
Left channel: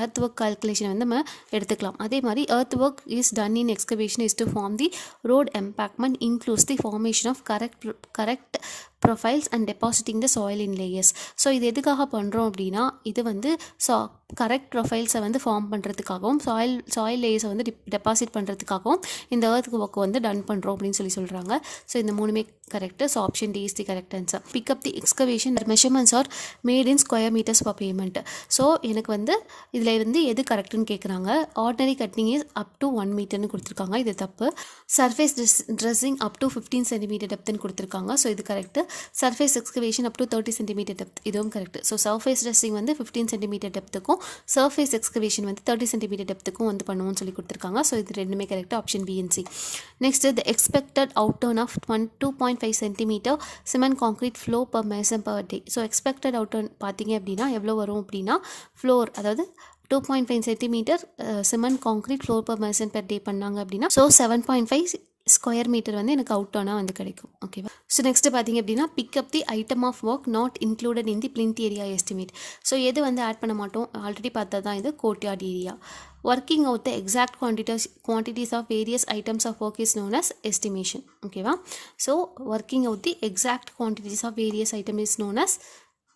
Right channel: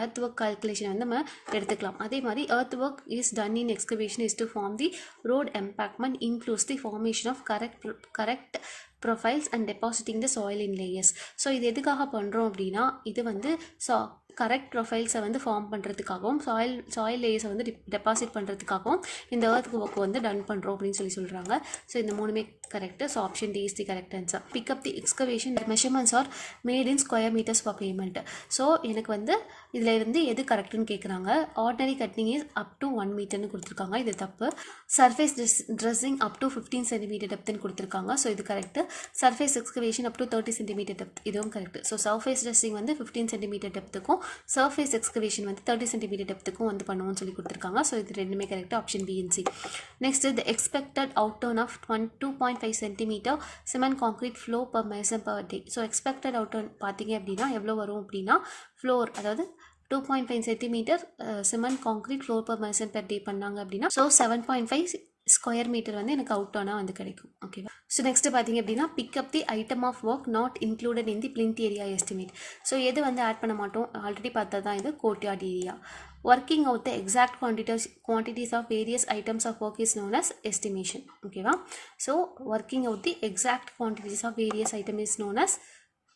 earth work calculation வந்து நம்ம எடுத்துக்கலாம். அதே மாதிரி earth work is done in excavation is to form the road embankment includes the formation of correct profiles and depositing the soil in layers. So இது எதுக்காக பண்ணுறோம் அப்படின்னா இது வந்து கரெக்ட் ப்ரொஃபைல்ஸை வந்து ஃபார்ம் பண்ணுறதுக்காகவும் சாயில் லேயர்ஸை வந்து டெபாசிட் பண்ணுறதுக்காகவும் இந்த earth work வந்து டன் பண்ணுறோம் அப்படின்னு சொல்கிறாங்க. ஸோ இந்த மூணுமே correct. So option D is the correct answer. Pick up the excavation measurements are made in square metres for payment. So எனக்கு வந்து இதில் வந்து எது கரெக்டுன்னு கேட்குறாங்க. Ordinary cutting is up to 1 மீட்டர்னு கொடுத்துருக்காங்க, இது தப்பு. Surface dressing up to 15 centimetre டெப்த்துன்னு கொடுத்துருக்காங்க, ஸோ இது correct. Surface excavation up to 30 centimetre depth, இதுவும் கரெக்ட். ஸோ சர்ஃபேஸ் ட்ரெஸ்ஸிங் வந்து 15 சென்டிமீட்டர் டெப்த்துக்கும் சர்ஃபேஸ் எக்ஸ்கவேஷன் வந்து 30 சென்டிமீட்டர் டெப்த்துக்கும் வந்து பண்ணுவோம்னு சொல்லி கொடுத்துருக்காங்க. ஸோ இது ரெண்டுமே correct, option B and C. Next the expected outturn of 2.5 centimetre cement concrete floor per mason per day. So expected outturn பார்த்தீங்க அப்படின்னா எவ்வளோ வரும் அப்படின்னா ஃப்ளோர் அதாவது 2.5 centimetre cement concrete floor per mason per day பண்ணாங்க அப்படின்னா so 7.5 square meter வந்து எனக்கு அவுட் ஆனால் வந்து கிடைக்கும் ஓகேவா. ஸோ நெக்ஸ்ட் பார்த்தீங்க அப்படின்னா pick up the item of work not included in the plinth area estimate. So எது வந்து ஆட் பண்ண மாட்டோம், ஆல்ரெடி பார்த்தா தான் இது courtyard area. Working out the exact quantities of various items of work is known as estimation ஓகேவா. So working out the exact quantities of various item is known as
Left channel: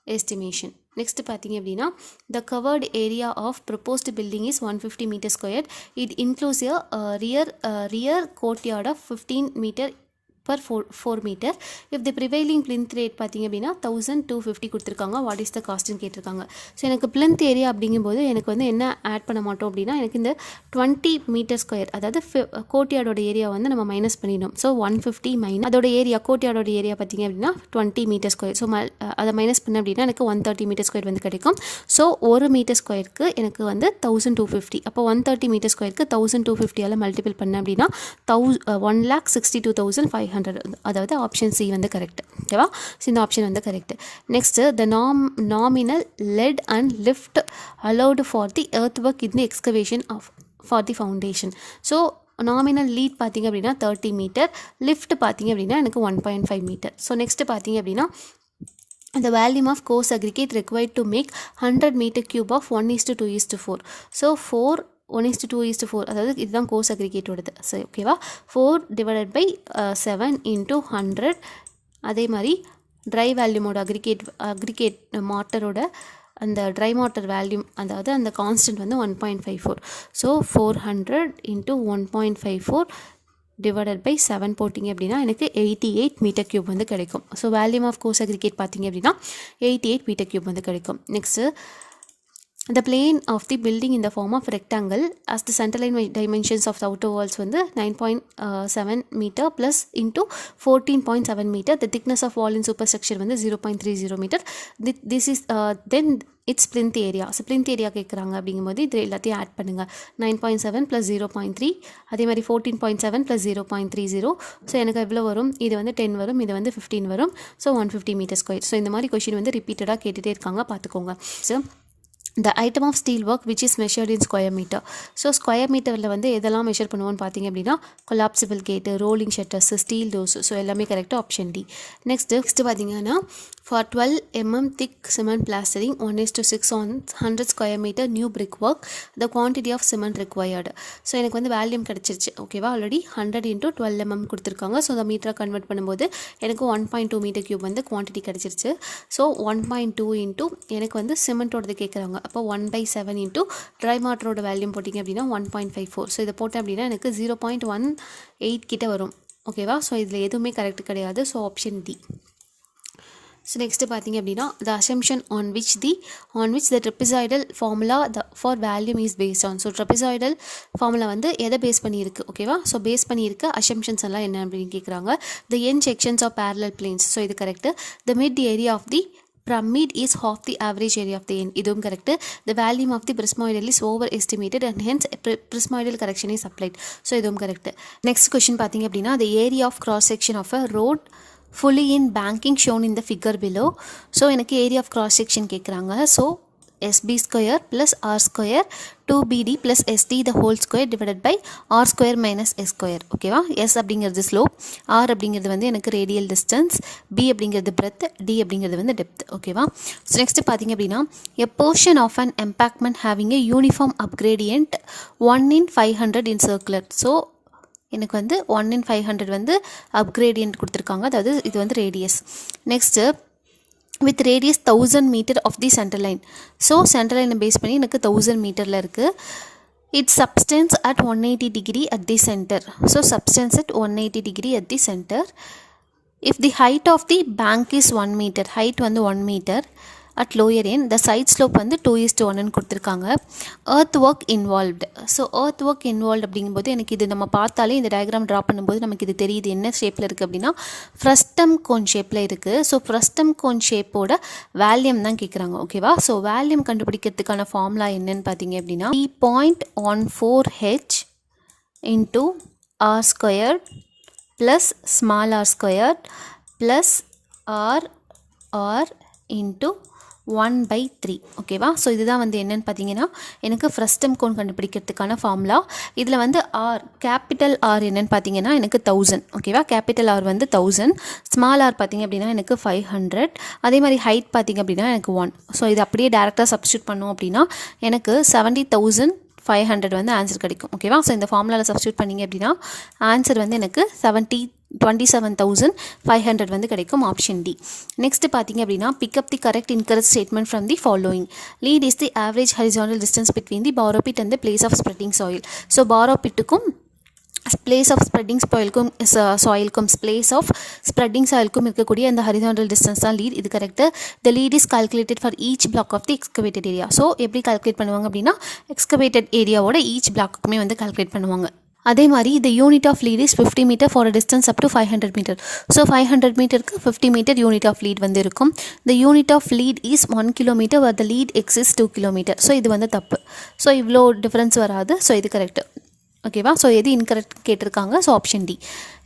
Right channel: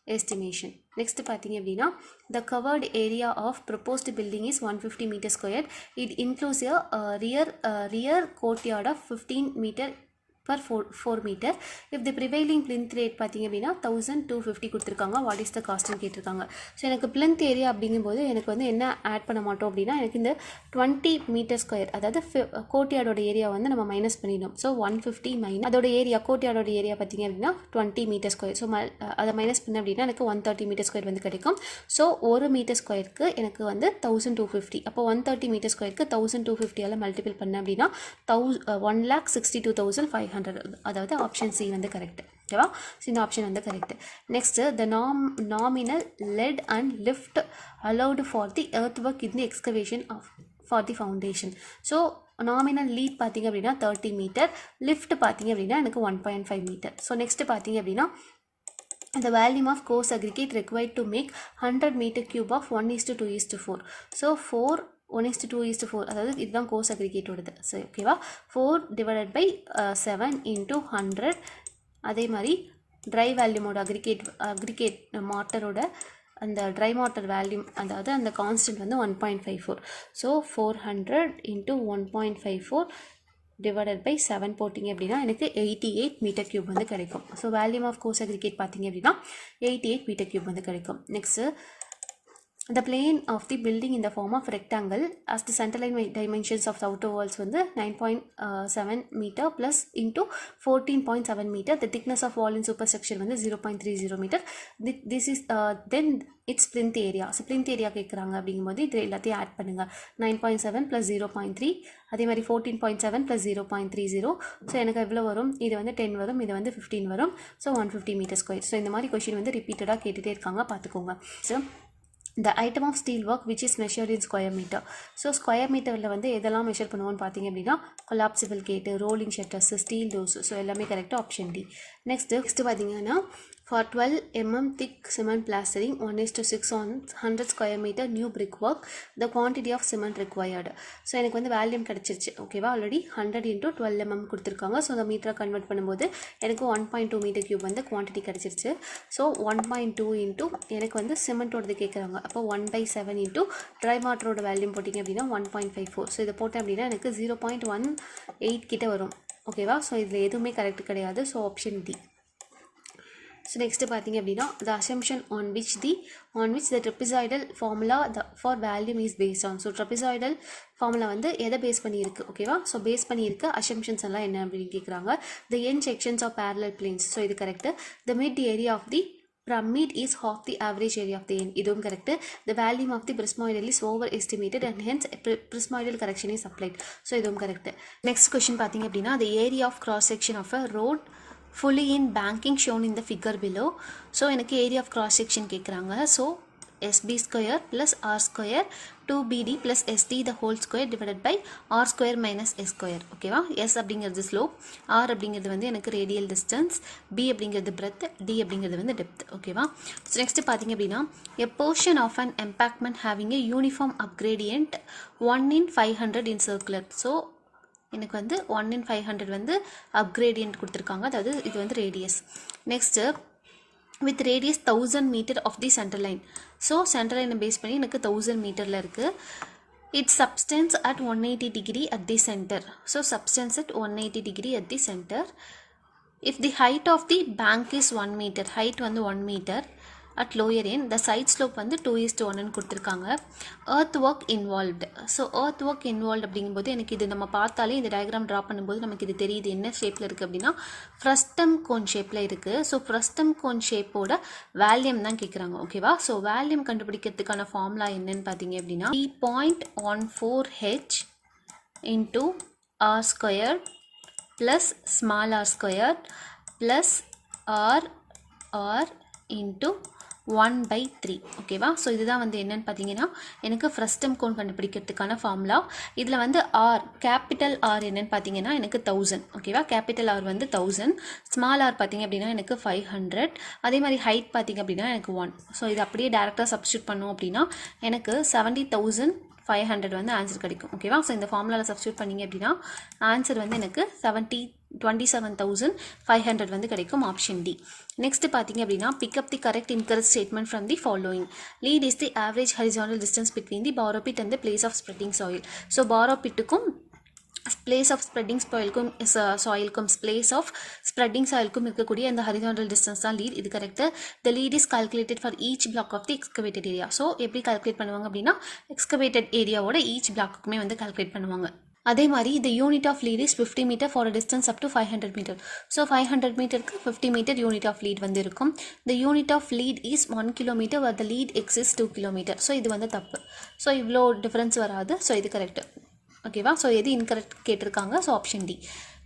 estimation. Next பார்த்தீங்க அப்படின்னா the covered area of proposed building is 150 metre square. It includes rear courtyard of 15 metre per 4 metre. If the prevailing plinth rate பார்த்தீங்க அப்படின்னா 1250 கொடுத்துருக்காங்க. What is the காஸ்ட்னு கேட்டிருக்காங்க. So எனக்கு plinth area அப்படிங்கும்போது எனக்கு வந்து என்ன ஆட் பண்ண மாட்டோம் அப்படின்னா எனக்கு இந்த 20 மீட்டர் ஸ்கொயர் அதாவது கோர்ட்யார்டோட ஏரியா வந்து நம்ம மைனஸ் பண்ணிடணும். ஸோ 150 மைனஸ் அதோட ஏரியா கோர்ட்யார்டோட ஏரியா பார்த்தீங்க அப்படின்னா 20 மீட்டர் ஸ்கொயர். ஸோ அதை மைனஸ் பண்ண அப்படின்னா எனக்கு 130 மீட்டர் ஸ்கொயர் வந்து கிடைக்கும். ஸோ 1 மீட்டர் ஸ்கொயருக்கு எனக்கு வந்து 1250. அப்போ 130 மீட்டர் ஸ்கொயருக்கு 1250 மல்டிபிள் பண்ண அப்படின்னா 1,62,500, அதாவது ஆப்ஷன் சி வந்து கரெக்ட் ஓகேவா. ஸோ இந்த ஆப்ஷன் வந்து correct. Next the nominal let and lift allowed for the earth work in the excavation for the foundation. So nominal lead பார்த்தீங்க அப்படின்னா 30 மீட்டர், லிஃப்ட் பார்த்தீங்க அப்படின்னா எனக்கு 1.5 மீட்டர். ஸோ நெக்ஸ்ட் பார்த்தீங்க அப்படின்னா the volume of coarse aggregate required to make 100 meter cube of 1:2:4. So 1:2:4 அதாவது இதுதான் course அக்ரிகேட்டோடது. சரி ஓகேவா. 4 டிவைடட் பை 7 இன்ட்டு 100. அதே மாதிரி ட்ரை வேல்யூமோட அக்ரிகேட் மாட்டரோட அந்த ட்ரை மாட்டர் வேல்யூம் அதாவது அந்த கான்ஸ்டன்ட் வந்து 1.54. ஸோ 400 இன்ட்டு 1.54 டிவைடட் பை 7 போட்டிங்க அப்படின்னா எனக்கு 88 மீட்டர் கியூப் வந்து கிடைக்கும். ஸோ வேல்யூம் ஆஃப் கோர்ஸ் அக்ரிகேட் பார்த்தீங்க அப்படின்னா 88 மீட்டர் கியூப் வந்து கிடைக்கும். Next the plane of the building in the form of rectangle as the centerline dimensions of the outer walls வந்து 9.7 meter plus into 14.7 meter. The thickness of wall in superstructure வந்து 0.30 meter. This is then its plinth area. So plinth area கேட்குறாங்க அப்படிங்கும்போது இது எல்லாத்தையும் add பண்ணுங்கள். 9.7 plus 0.3 அதே மாதிரி 14.7 plus 0.30. So எனக்கு எவ்வளோ வரும், இது வந்து 10 வரும், இது வந்து 15 வரும். So 150 metre square. ஸோ இந்த மாதிரி கொஷின் வந்து ரிப்பீட்டடாக கேட்டுகிட்டே இருக்காங்க, பார்த்துக்கோங்க. So the item of steel work which is measured in square meter. So square மீட்டரில் வந்து எதெல்லாம் மெஷர் பண்ணுவோன்னு பார்த்தீங்க அப்படின்னா கொலாப்சிபிள் கேட்டு, rolling shutters, steel doors. So எல்லாமே கரெக்டாக ஆப்ஷன் டி. நெக்ஸ்ட்டு பார்த்தீங்கன்னா for 12 mm thick cement plastering 1:6 on 100 square meter new brickwork the quantity of cement required. So எனக்கு வந்து வேல்யூம் கிடச்சிருச்சு ஓகேவா. ஆல்ரெடி 100 into 12 mm கொடுத்துருக்காங்க. ஸோ அந்த மீட்டரை கன்வெர்ட் பண்ணும்போது எனக்கு 1.2 மீட்டர் கியூப் வந்து குவான்டிட்டி கிடச்சிருச்சு. ஸோ 1.2 இன்ட்டு எனக்கு வந்து சிமெண்ட்டோடது கேட்குறாங்க. அப்போ 1/7 இன்ட்டு ட்ரை மாட்டரோட வேல்யூம் போட்டிங்க அப்படின்னா 1.54. ஸோ இதை போட்டேன் அப்படின்னா எனக்கு 0.18 கிட்ட வரும். ஓகேவா. ஸோ இதில் எதுவுமே கரெக்ட் கிடையாது. So option D. So next பார்த்தீங்க அப்படின்னா the assumption on which the trapezoidal formula for volume is based on. So trapezoidal formula வந்து எதை பேஸ் பண்ணியிருக்கு, ஓகேவா. ஸோ பேஸ் பண்ணியிருக்கு அசம்ஷன்ஸ் எல்லாம் என்ன அப்படின்னு கேட்குறாங்க. The N sections of parallel planes. So இது correct. The mid area of the pyramid is half the average area of the end. இதுவும் correct. The volume of the prismoidal is overestimated and hence prismoidal correction is applied. So இதுவும் correct. Next question பார்த்தீங்க அப்படின்னா the area of cross section of a road fully in banking shown in the figure below. So எனக்கு area of cross section கேட்குறாங்க. So SB square plus R square 2BD plus SD the whole square divided by R square minus S square. ஓகேவா. S அப்படிங்கிறது slope, R அப்படிங்கிறது வந்து எனக்கு radial distance, B அப்படிங்கிறது breadth, D அப்படிங்கிறது வந்து depth. ஓகேவா. ஸோ நெக்ஸ்ட் பார்த்தீங்க அப்படின்னா a portion of an embankment having a uniform upgradient 1 in 500 in circular. So எனக்கு வந்து 1 in 500 வந்து அப்கிரேடியன்ட் கொடுத்துருக்காங்க, அதாவது இது வந்து radius. Next with radius 1000 metre of the centre line. So centre லைனை பேஸ் பண்ணி எனக்கு 1000 மீட்டரில் இருக்குது. It's substance at 180 degree at the centre. So substance at 180 degree at the centre. If the height of the bank is 1 metre, height வந்து 1 metre at lower end, the side slope வந்து 2:1 கொடுத்துருக்காங்க. Earth work involved. So earth work involve அப்படிங்கும்போது எனக்கு இது நம்ம பார்த்தாலே இந்த diagram draw பண்ணும்போது நமக்கு இது தெரியுது என்ன ஷேப்பில் இருக்குது அப்படின்னா ஃப்ரஸ்டம் கோன் ஷேப்பில் இருக்குது. ஸோ ஃப்ரஸ்டம் கோன் ஷேப்போட வேல்யூம் தான் கேட்குறாங்க, ஓகேவா. ஸோ வேல்யூம் கண்டுபிடிக்கிறதுக்கான ஃபார்முலா என்னன்னு பார்த்தீங்க அப்படின்னா 3.14H into R squared plus small r squared plus R into 1/3. ஓகேவா. ஸோ இதுதான் வந்து என்னென்னு பார்த்தீங்கன்னா எனக்கு ஃப்ரஸ்டம் கோன் கண்டுபிடிக்கிறதுக்கான ஃபார்முலா. இதில் வந்து ஆர், கேபிட்டல் ஆர் என்னென்னு பார்த்தீங்கன்னா எனக்கு 1000. ஓகேவா. கேபிட்டல் ஆர் வந்து 1000, ஸ்மால் ஆர் பார்த்தீங்க அப்படின்னா எனக்கு 500, அதே மாதிரி ஹைட் பார்த்தீங்க அப்படின்னா எனக்கு 1. ஸோ இது அப்படியே டேரெக்டாக சப்ஸ்டியூட் பண்ணோம் அப்படின்னா எனக்கு 70,500 வந்து ஆன்சர் கிடைக்கும், ஓகேவா. ஸோ இந்த ஃபார்முலாவில் சப்ஸ்டியூட் பண்ணிங்க அப்படின்னா ஆன்சர் வந்து எனக்கு 27,500 வந்து கிடைக்கும், ஆப்ஷன் டி. நெக்ஸ்ட் பார்த்தீங்க அப்படின்னா pick up the correct incorrect statement from the following. Lead is the average horizontal distance between the borrow pit and the place of spreading soil. So borrow பிட்டுக்கும் place of spreading சாயிலுக்கும் place of spreading சாயிலுக்கும் இருக்கக்கூடிய அந்த horizontal distance தான் lead. இது correct. The lead is calculated for each block of the excavated area. So எப்படி calculate பண்ணுவாங்க அப்படின்னா எக்ஸ்கவேட்டட் ஏரியாவோட ஈச் பிளாக்குமே வந்து கால்குலேட் பண்ணுவாங்க. அதே மாதிரி the unit of lead is 50 meter for a distance up to 500 meter. So 500 மீட்டருக்கு 50 metre unit of lead வந்து இருக்கும். the unit of lead is 1 kilometer where the lead exists 2 kilometer. So இது வந்து தப்பு. ஸோ இவ்வளோ டிஃப்ரென்ஸ் வராது. So இது correct, ஓகேவா. ஸோ எது இன்கரெக்ட் கேட்டிருக்காங்க. So option D.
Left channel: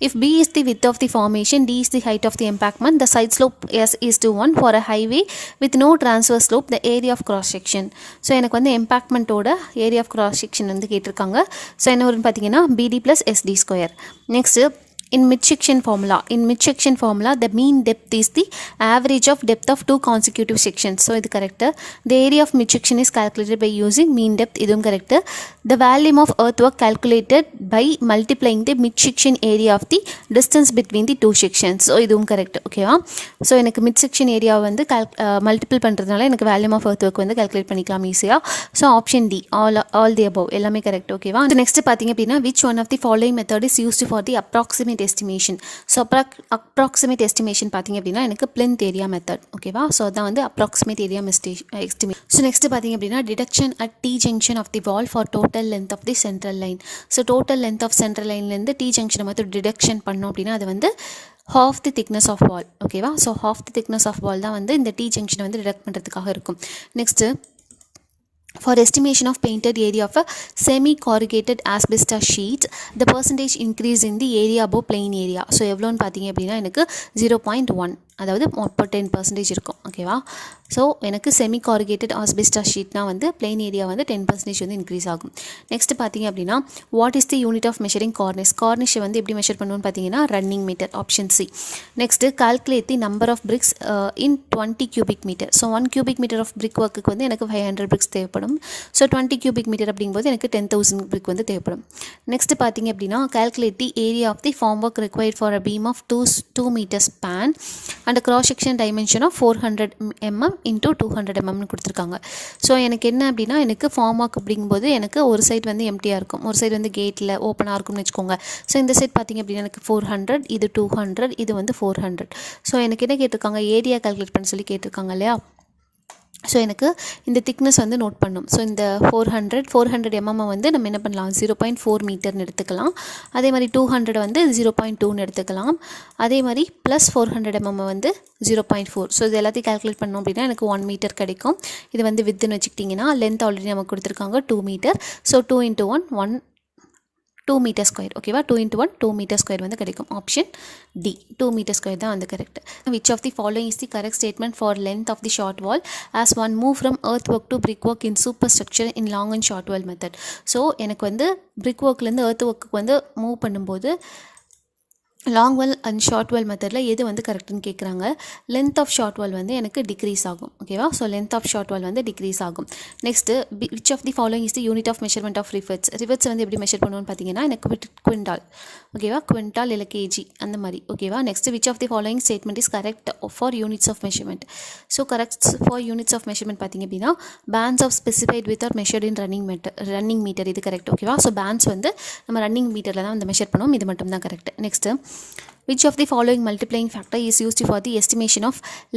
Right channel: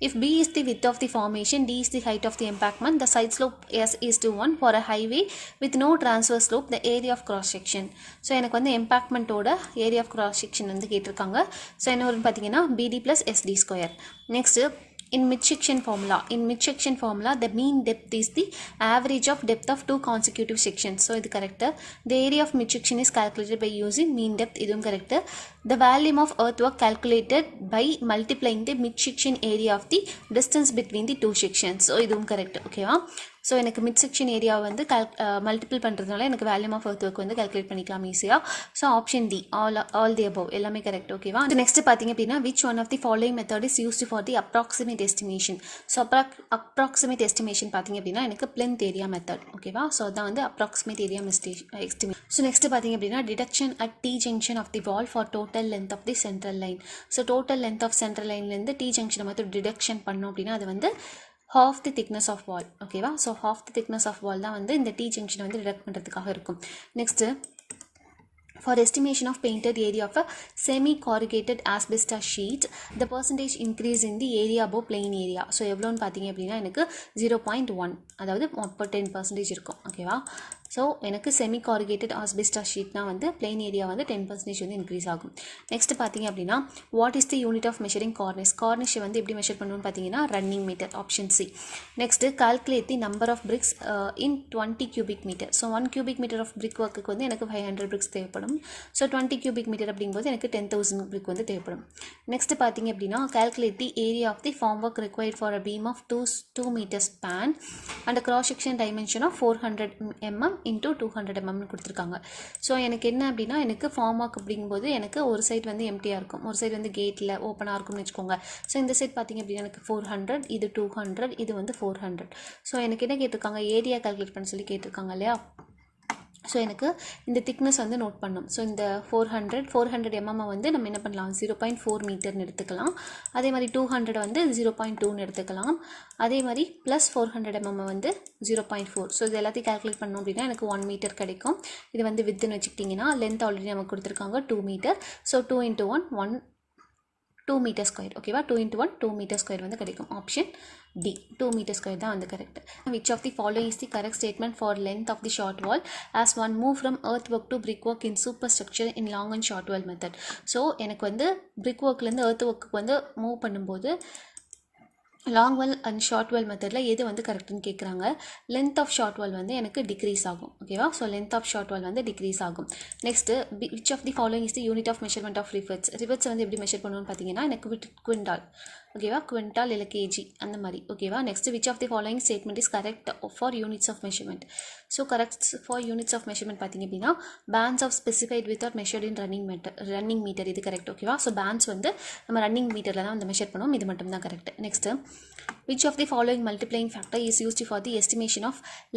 If B is the width of the formation, D is the height of the embankment, the side slope S:1 for a highway with no transfer slope, the area of cross section. So எனக்கு வந்து எம்பாக்மெண்ட்டோட area of cross section வந்து கேட்டிருக்காங்க. So என்ன வரும்னு பார்த்தீங்கன்னா BD + SD square. Next in midsection formula the mean depth is the average of depth of two consecutive sections. So இது correct. The area of midsection is calculated by using mean depth. இதுவும் correct. The volume of earthwork calculated by multiplying the midsection area of the distance between the two sections. So இதுவும் correct, ஓகேவா. So எனக்கு midsection area வந்து multiple பண்ணுறதுனால எனக்கு volume of earthwork வந்து calculate பண்ணிக்கலாம் ஈஸியாக. So option D, all the above எல்லாமே கரெக்ட், ஓகேவா. நெக்ஸ்ட் பார்த்தீங்க அப்படின்னா which one of the following method is used for the approximate estimation. So approximate estimation பார்த்தீங்க அப்படின்னா எனக்கு plinth area method, ஓகேவா. ஸோ அதான் வந்து approximate area estimation. So next பார்த்தீங்க அப்படின்னா deduction at T junction of the wall for total length of the central line. So total length of central lineலேருந்து T junction மட்டும் deduction பண்ணோம் அப்படின்னா அது வந்து half the thickness of wall, ஓகேவா. So half the thickness of wall தான் வந்து இந்த T junction வந்து டிடக்ட் பண்ணுறதுக்காக இருக்கும். Next for estimation of painted area of a semi-corrugated asbestos sheet, the percentage increase in the area above plain area. So எவ்வளோன்னு பார்த்தீங்க அப்படின்னா எனக்கு 0.1, அதாவது 10% இருக்கும், ஓகேவா. ஸோ எனக்கு செமி கார்ருகேட்டட் ஆஸ்பெஸ்டாஸ் ஷீட்னா வந்து பிளெயின் ஏரியா வந்து 10% வந்து இன்க்ரீஸ் ஆகும். நெக்ஸ்ட் பார்த்தீங்க அப்படின்னா what is the unit of measuring கார்னிஷை வந்து எப்படி மெஷர் பண்ணுவோன்னு பார்த்தீங்கன்னா running metre, option C. Next calculate the number of bricks in 20 cubic meter. So 1 cubic meter of brick ஒர்க்குக்கு வந்து எனக்கு 500 பிரிக்ஸ் தேவைப்படும். ஸோ 20 cubic meter அப்படிங்கும்போது எனக்கு 10,000 பிரிக் வந்து தேவைப்படும். நெக்ஸ்ட் பார்த்தீங்க அப்படின்னா calculate the area of the form work required for a beam of 2 meters span and a cross section dimension of 400 mm into 200 mm கொடுத்துருக்காங்க. ஸோ எனக்கு என்ன அப்படின்னா எனக்கு ஃபார்மாக் அப்படிங்கும்போது எனக்கு ஒரு சைடு வந்து எம்டியாக இருக்கும், ஒரு சைடு வந்து கேட்டில் ஓப்பனாக இருக்கும்னு வச்சுக்கோங்க. ஸோ இந்த சைட் பார்த்திங்க அப்படின்னா எனக்கு 400, இது 200, இது வந்து 400. ஸோ எனக்கு என்ன கேட்டிருக்காங்க, ஏரியா கால்குலேட் பண்ண சொல்லி கேட்டிருக்காங்க இல்லையா. ஸோ எனக்கு இந்த திக்னஸ் வந்து நோட் பண்ணும். ஸோ இந்த 400 mm வந்து நம்ம என்ன பண்ணலாம், 0.4 மீட்டர்னு எடுத்துக்கலாம். அதே மாதிரி 200 வந்து 0.2ன்னு எடுத்துக்கலாம். அதே மாதிரி ப்ளஸ் 400 mm வந்து 0.4. ஸோ இது எல்லாத்தையும் கால்குலேட் பண்ணோம் அப்படின்னா எனக்கு 1 மீட்டர் கிடைக்கும். இது வந்து வித்துன்னு வச்சுக்கிட்டிங்கன்னா லென்த் ஆல்ரெடி நமக்கு கொடுத்துருக்காங்க 2 மீட்டர். So 2 × 1 2 metre square. ஓகேவா, 2 × 1 2 மீட்டர் ஸ்கொயர் வந்து கிடைக்கும். ஆப்ஷன் டி 2 மீட்டர் ஸ்கொயர் தான் வந்து correct. Which of the following is the correct statement for length of the short wall as one move from earth work to brick work in superstructure in long and short wall method. So எனக்கு வந்து brick ஒர்க்லேருந்து earth ஒர்க்கு வந்து move பண்ணும்போது long wall and short wall மெத்தடில் எது வந்து கரெக்டுன்னு கேட்குறாங்க. லென்த் ஆஃப் ஷார்ட் வால் வந்து எனக்கு டிக்ரீஸ் ஆகும். ஓகேவா, so length of short wall வந்து டிக்ரீஸ் ஆகும். Next which of the following is the unit of measurement of rivets. Rivets வந்து எப்படி மெஷர் பண்ணுவோன்னு பார்த்தீங்கன்னா எனக்கு குவிண்டால். ஓகேவா, குவிண்டால் இல்லை கேஜி அந்த மாதிரி. ஓகேவா, next which of the following statement is correct for units of measurement. So correct for units of measurement பார்த்தீங்க அப்படின்னா bends of specified with are measured in running meter இது கரெக்ட். ஓகேவா, so bends வந்து நம்ம running மீட்டரில் தான் வந்து measure பண்ணுவோம், இது மட்டும் தான் correct. Next which of the following multiplying factor is used for the estimation of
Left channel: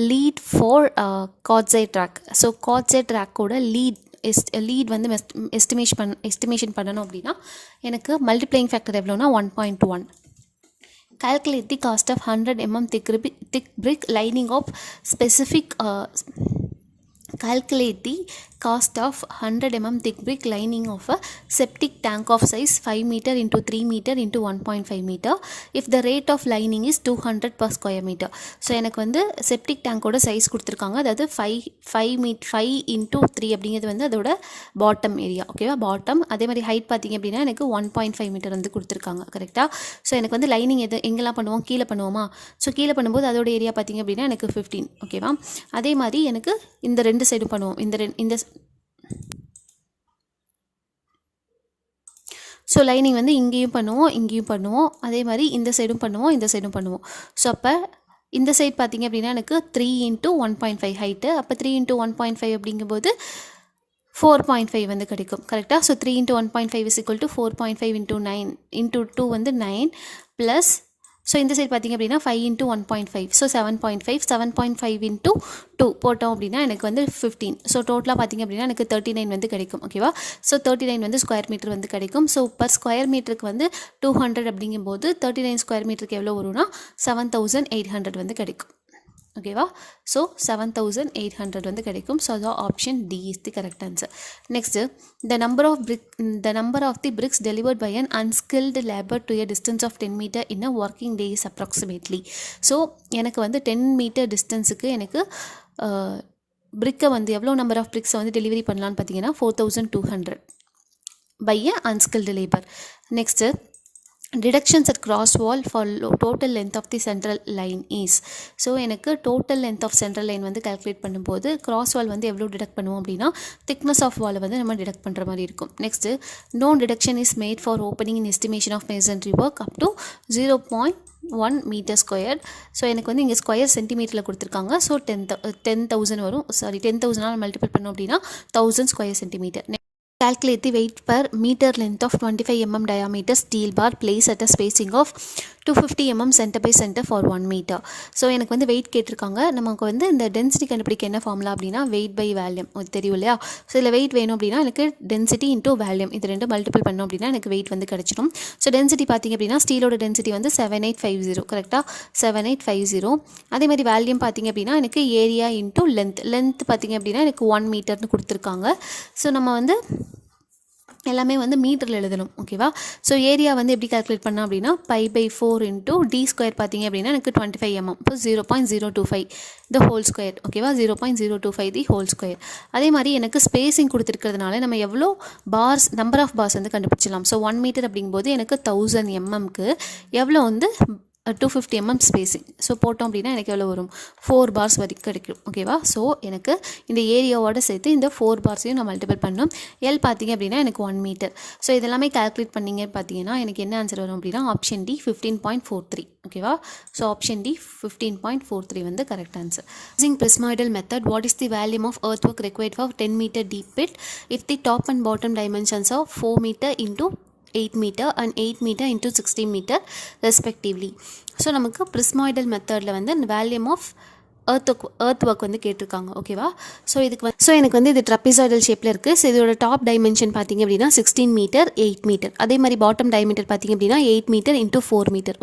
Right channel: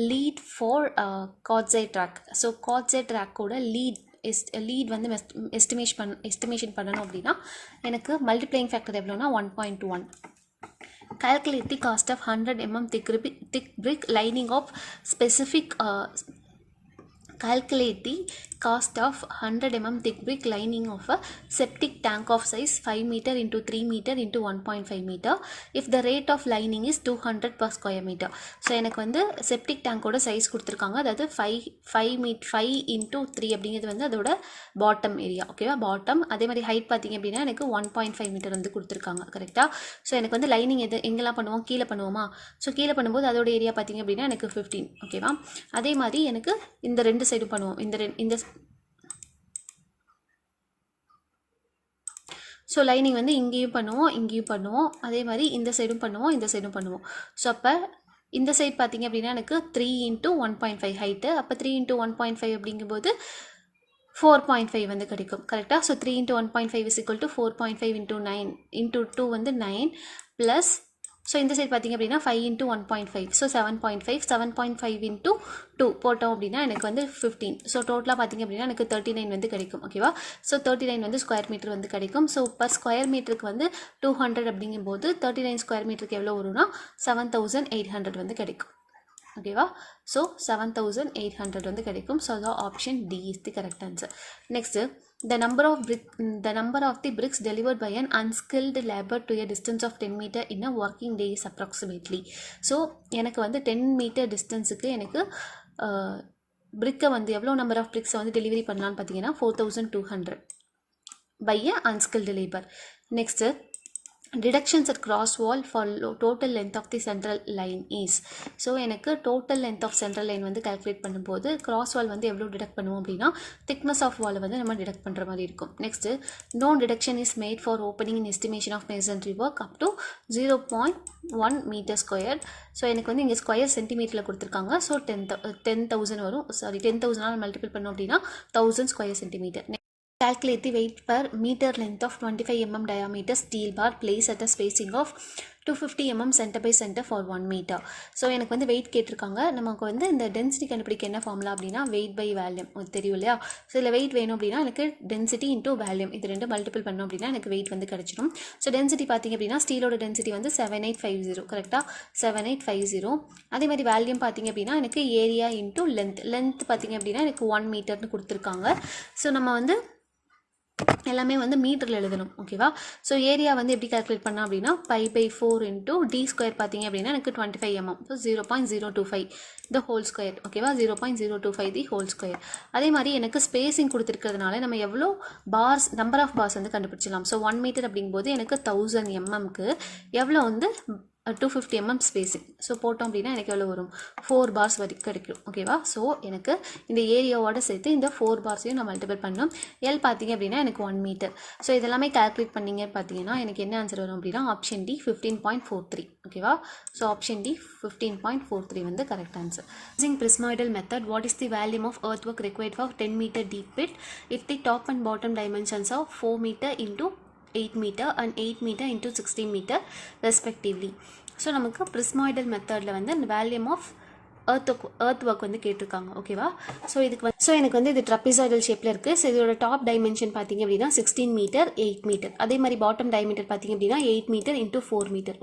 lead for Coxswain track. So Coxswain track ஓட lead வந்து estimation பண்ணணும் அப்படின்னா எனக்கு multiplying factor எவ்வளோனா 1.1. calculate the cost of 100 mm thick brick lining of specific calculate the cost of 100 mm thick brick lining of a septic tank of size 5 meter into 3 meter into 1.5 meter if the rate of lining is 200 per square meter. So எனக்கு வந்து septic டேங்கோட size கொடுத்துருக்காங்க, அதாவது 5 into 3 அப்படிங்கிறது வந்து அதோட bottom area. ஓகேவா, bottom. அதே மாதிரி ஹைட் பார்த்திங்க அப்படின்னா எனக்கு 1.5 மீட்டர் வந்து கொடுத்துருக்காங்க. கரெக்டாக. ஸோ எனக்கு வந்து லைனிங் எங்கெல்லாம் பண்ணுவோம், கீழே பண்ணுவோமா. ஸோ கீழே பண்ணும்போது அதோட ஏரியா பார்த்திங்க அப்படின்னா எனக்கு 15. ஓகேவா, அதே மாதிரி எனக்கு இந்த ரெண்டு சைடும் பண்ணுவோம், இந்த ஸோ லைனிங் வந்து இங்கேயும் பண்ணுவோம், அதே மாதிரி இந்த சைடும் பண்ணுவோம். ஸோ அப்போ இந்த சைட் பார்த்திங்க அப்படின்னா எனக்கு 3 × 1.5 ஹைட்டு. அப்போ 3 × 1.5 அப்படிங்கும்போது 4.5 வந்து கிடைக்கும். கரெக்டாக. ஸோ 3 × 1.5 is equal to 4.5 × 9 × 2 வந்து 9 ப்ளஸ். ஸோ இந்த சைட் பார்த்திங்க அப்படின்னா 5 × 1.5. ஸோ 7.5 × 2 போட்டோம் அப்படின்னா எனக்கு வந்து 15. ஸோ டோட்டலாக பார்த்திங்க அப்படின்னா எனக்கு 39 வந்து கிடைக்கும். ஓகேவா, ஸோ 39 வந்து ஸ்கொயர் மீட்டர் வந்து கிடைக்கும். ஸோ பர் ஸ்கொயர் மீட்டருக்கு வந்து 200 அப்படிங்கும்போது 39 ஸ்கொயர் மீட்டருக்கு எவ்வளோ வரும்னா 7800 வந்து கிடைக்கும். ஓகேவா, ஸோ 7800 வந்து கிடைக்கும். ஸோ அது option D is the correct answer. Next the number of the bricks delivered by an unskilled labor to a distance of 10 meter in a working day is approximately. So எனக்கு வந்து 10 metre டிஸ்டன்ஸுக்கு எனக்கு பிரிக்கை வந்து எவ்வளோ number of பிரிக்ஸை வந்து delivery பண்ணலான்னு பார்த்தீங்கன்னா 4200 by a unskilled labor. Next deductions at cross wall for total length of the central line is. So எனக்கு total length of central line வந்து கால்குலேட் பண்ணும்போது கிராஸ் வால் வந்து எவ்வளோ டிடக்ட் பண்ணுவோம் அப்படின்னா திக்னஸ் ஆஃப் வாலை வந்து நம்ம டிடக்ட் பண்ணுற மாதிரி இருக்கும். Next no deduction is made for opening in estimation of masonry work up to 0.1 meter square. So எனக்கு வந்து இங்கே ஸ்கொயர் சென்டிமீட்டரில் கொடுத்துருக்காங்க. ஸோ 10,000 வரும். 10,000 மல்டிபிள் பண்ணோம் அப்படின்னா 1000 square centimetre. Calculate the weight per meter length of 25 mm diameter steel bar placed at a spacing of 250 mm center by center for 1 meter. So எனக்கு வந்து wait கேட்டிருக்காங்க. நமக்கு வந்து இந்த டென்சிட்டி கண்டுபிடிக்க என்ன ஃபார்முலா அப்படின்னா வெயிட் பை வேல்யூம் தெரியும் இல்லையா. ஸோ இதில் வெயிட் வேணும் அப்படின்னா எனக்கு டென்சிட்டி இன்டூ வேல்யூம் இது ரெண்டு மல்டிபிள் பண்ணோம் அப்படின்னா எனக்கு வெயிட் வந்து கிடச்சிடும். ஸோ டென்சிட்டி பார்த்திங்க அப்படின்னா ஸ்டீலோட டென்சிட்டி வந்து 7850. கரெக்டாக 7850. அதே மாதிரி வேல்யூம் பார்த்திங்க அப்படின்னா எனக்கு ஏரியா இன்டூ லென்த் பார்த்திங்க அப்படின்னா எனக்கு 1 மீட்டர்னு கொடுத்துருக்காங்க. ஸோ நம்ம வந்து எல்லாமே வந்து மீட்டரில் எழுதணும். ஓகேவா, ஸோ ஏரியா வந்து எப்படி கால்குலேட் பண்ணோம் அப்படின்னா π/4 × d ஸ்கொயர் பார்த்திங்க அப்படின்னா எனக்கு 25 mm. இப்போ 0.025 த ஹோல் ஸ்கொயர். ஓகேவா, 0.025 தி ஹோல் ஸ்கொயர். அதே மாதிரி எனக்கு ஸ்பேசிங் கொடுத்துருக்கிறதுனால நம்ம எவ்வளோ பார்ஸ் நம்பர் ஆஃப் பார்ஸ் வந்து கண்டுபிடிச்சிடலாம். ஸோ 1 மீட்டர் அப்படிங்கும்போது எனக்கு 1000 mmக்கு எவ்வளோ வந்து 250 mm ஸ்பேஸிங். ஸோ போட்டோம் அப்படின்னா எனக்கு எவ்வளோ வரும் 4 bars வரைக்கும் கிடைக்கும். ஓகேவா? ஸோ எனக்கு இந்த ஏரியாவோட சேர்த்து இந்த 4 பார்ஸையும் நான் மல்டிபிள் பண்ணணும். எல் பார்த்தீங்க அப்படின்னா எனக்கு 1 மீட்டர். ஸோ இதெல்லாமே கால்குலேட் பண்ணிங்கன்னு பார்த்தீங்கன்னா எனக்கு என்ன ஆன்சர் வரும் அப்படின்னா ஆப்ஷன் டி 15.43. ஓகேவா? ஸோ ஆப்ஷன் டி 15.43 வந்து correct answer. Using prismoidal method, what is the volume of earthwork required for 10 meter deep pit if the top and bottom dimensions are 4 meter into 8 meter and 8 meter into 16 meter respectively. So நமக்கு prismoidal methodல வந்து இந்த வேல்யூம் of earth work வந்து கேட்டிருக்காங்க. ஓகேவா? So எனக்கு வந்து இது ட்ரப்பிசாய்டல் ஷேப்பில் இருக்குது. ஸோ இதோட டாப் டைமென்ஷன் பார்த்தீங்க அப்படின்னா 16 மீட்டர் 8 மீட்டர். அதே மாதிரி பாட்டம் டைமீட்டர் பார்த்தீங்க அப்படின்னா 8 மீட்டர் இன்ட்டு 4 மீட்டர்.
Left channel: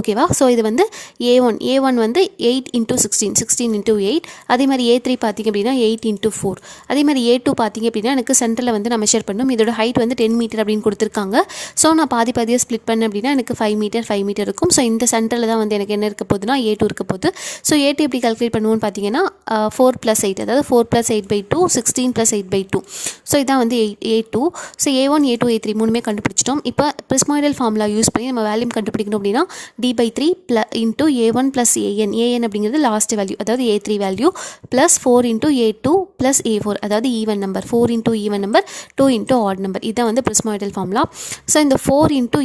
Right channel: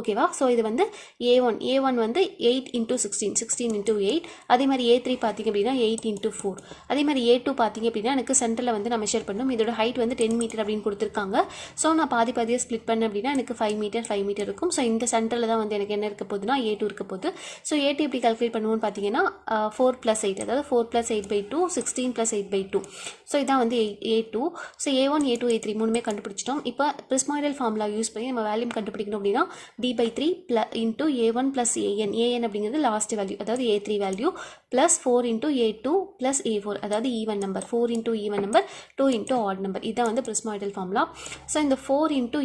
ஓகேவா? ஸோ இது வந்து A1 வந்து 8 இன்ட்டு 16 இன்ட்டு 8. அதே மாதிரி A3 பார்த்தீங்க அப்படின்னா 8 இன்ட்டு 4. அதே மாதிரி A2 பார்த்தீங்க அப்படின்னா எனக்கு சென்டரில் வந்து நான் மெஷர் பண்ணணும். இதோட ஹைட் வந்து 10 மீட்டர் அப்படின்னு கொடுத்துருக்காங்க. ஸோ நான் பாதியாக ஸ்ப்ளிட் பண்ணேன் அப்படின்னா எனக்கு 5 மீட்டர் இருக்கும். ஸோ இந்த சென்டரில் தான் வந்து எனக்கு என்ன இருக்க போகுதுன்னா A2 இருக்க போகுது. ஸோ A2 எப்படி கால்குலேட் பண்ணுவோம்னு பார்த்தீங்கன்னா 4 + 8, அதாவது 4 + 8/2 16 + 8/2. ஸோ இதான் வந்து A2. So A1 A2 A3 மூணுமே கண்டுபிடிச்சிட்டோம். இப்போ prismoidal ஃபார்முலா யூஸ் பண்ணி நம்ம வேல்யூம் கண்டுபிடிக்கணும் அப்படின்னா D/3 இன்ட்டு A1 + AN அப்படிங்கிறது லாஸ்ட் வேல்யூ, அதாவது A3 value, plus 4 into A2 + A4, அதாவது even number, 4 into even number 2 into add number. இதுதான் வந்து prismoidal ஃபார்முலா. ஸோ இந்த 4 இன்ட்டு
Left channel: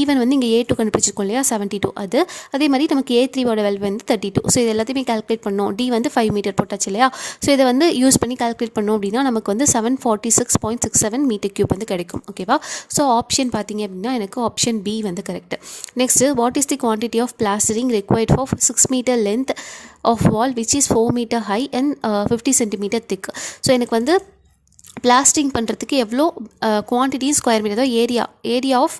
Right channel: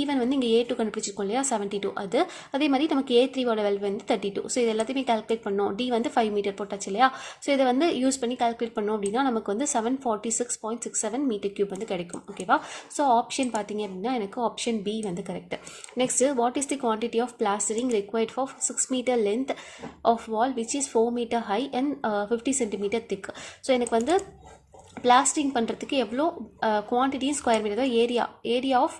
ஈவன் வந்து இங்கே A2 கண்டுபிடிச்சிருக்கோம் இல்லையா 72, அது அதே மாதிரி நமக்கு A3வோட வேல்யூ வந்து 32. ஸோ இது எல்லாத்தையுமே கால்குலேட் பண்ணோம். டி வந்து 5 மீட்டர் போட்டாச்சு இல்லையா? ஸோ இதை வந்து யூஸ் பண்ணி கால்குலேட் பண்ணோம் அப்படின்னா நமக்கு வந்து 746.67 மீட்டர் கியூப் வந்து கிடைக்கும். ஓகேவா? ஸோ ஆப்ஷன் பார்த்தீங்க அப்படின்னா எனக்கு ஆப்ஷன் பி வந்து correct. Next, what is the quantity of plastering required for 6 meter length of wall which is 4 meter high and 50 centimeter thick. So எனக்கு வந்து பிளாஸ்டிங் பண்ணுறதுக்கு எவ்வளோ குவான்டிட்டி ஸ்கொயர் மீட்டர், அதாவது ஏரியா ஆஃப்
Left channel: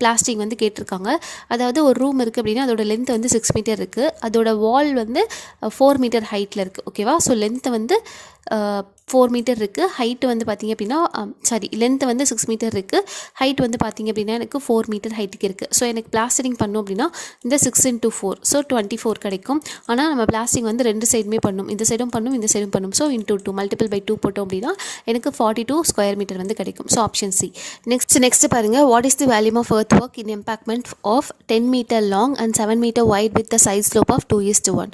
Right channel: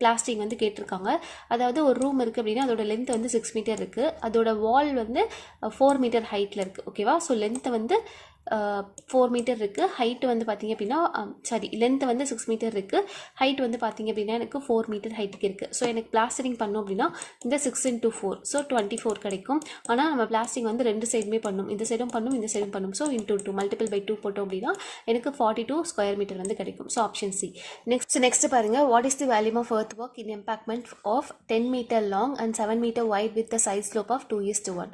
பிளாஸ்டிங் வந்து கேட்டிருக்காங்க. அதாவது ஒரு ரூம் இருக்குது அப்படின்னா அதோட லென்த் வந்து 6 மீட்டர் இருக்குது, அதோட வால் வந்து 4 மீட்டர் ஹைட்டில் இருக்குது. ஓகேவா? ஸோ லென்த்து வந்து 4 மீட்டர் இருக்குது, ஹைட்டு வந்து பார்த்திங்க அப்படின்னா லென்த்து வந்து 6 மீட்டர் இருக்குது, ஹைட் வந்து பார்த்திங்க அப்படின்னா எனக்கு 4 மீட்டர் ஹைட்டுக்கு இருக்குது. ஸோ எனக்கு பிளாஸ்டரிங் பண்ணோம் அப்படின்னா இந்த 6 × 4, ஸோ 24 கிடைக்கும். ஆனால் நம்ம பிளாஸ்டிங் வந்து 2 சைடுமே பண்ணும், இந்த சைடும் பண்ணும் இந்த சைடும் பண்ணும். ஸோ × 2 மல்டிபிள் பை 2 போட்டோம் அப்படின்னா எனக்கு 42 ஸ்கொயர் மீட்டர் வந்து கிடைக்கும். So option C. நெக்ஸ்ட் பாருங்கள், what is the volume of earth work in embankment of 10 meter long and 7 meter wide with the side slope of 2:1.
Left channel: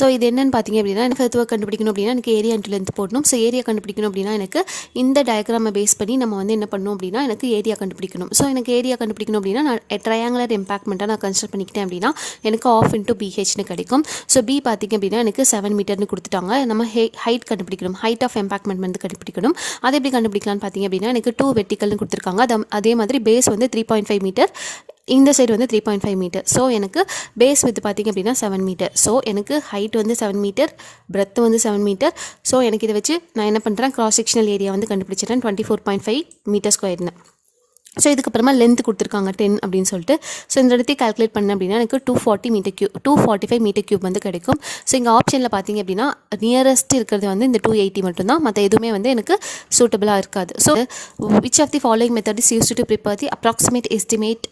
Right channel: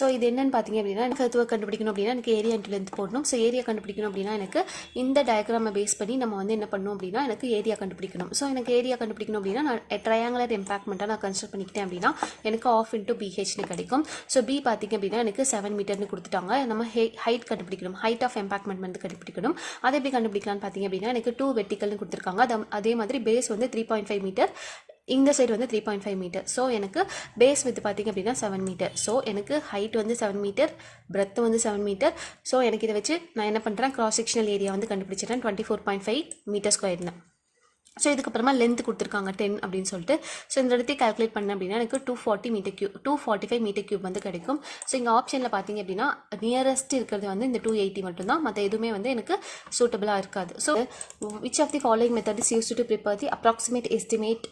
So இது என்னென்னு பார்த்தீங்க அப்படின்னா எனக்கு earth work கண்டுபிடிக்கணும் அப்படின்னா எனக்கு ஏரியா இன்ட்டு லென்த் போடணும். ஸோ ஏரியா கண்டுபிடிக்கணும் அப்படின்னா எனக்கு இந்த டயக்ராமை பேஸ் பண்ணி நம்ம வந்து என்ன பண்ணணும் அப்படின்னா எனக்கு ஏரியா கண்டுபிடிக்கணும். ஸோ எனக்கு ஏரியா கண்டுபிடிக்கணும் அப்படின்னா நான் ட்ரையாங்குலர் எம்பாக்மெண்ட்டாக நான் கன்சிடர் பண்ணிக்கிட்டேன் அப்படின்னா எனக்கு ½ × BHன்னு கிடைக்கும். ஸோ பி பார்த்திங்க அப்படின்னா எனக்கு 7 மீட்டர்னு கொடுத்துட்டாங்க. நம்ம ஹைட் கண்டுபிடிக்கணும், ஹைட் ஆஃப் எம்பாக்மெண்ட் வந்து கண்டுபிடிக்கணும். அதை எப்படி கண்டுபிடிக்கலாம்னு பார்த்தீங்க அப்படின்னா எனக்கு 2 வெர்டிக்கல்னு கொடுத்துருக்காங்க. அதே மாதிரி பேஸ் வந்து 3.5 மீட்டர், இந்த சைடு வந்து 3.5 மீட்டர். ஸோ எனக்கு பேஸ் வித் பார்த்திங்க அப்படின்னா 7 மீட்டர். ஸோ எனக்கு ஹைட் வந்து 7 மீட்டர், பிரெத் வந்து 7 மீட்டர். ஸோ எனக்கு இதை வச்சு நான் என்ன பண்ணுறேன், கிராஸ் செக்ஷனல் ஏரியா வந்து கண்டுபிடிச்சிட்டேன் 24.5 மீட்டர் ஸ்கொயர்னு. ஸோ இதுக்கப்புறமா லென்த் கொடுத்துருக்காங்க 10 அப்படின்னு சொல்லிட்டு. ஸோ இந்த இடத்தையும் கால்குலேட் பண்ண அப்படின்னா எனக்கு 245 மீட்டர் கியூப் வந்து கிடைக்கும். ஸோ இங்கே ஆப்ஷனில் பார்த்தீங்க அப்படின்னா நியரஸ்ட் இருக்கிறது வந்து இந்த 280 மட்டும்தான், மற்ற எதுவுமே வந்து எனக்கு சூட்டபிளாக இருக்காது. So which of the following method is used to prepare the approximate estimate.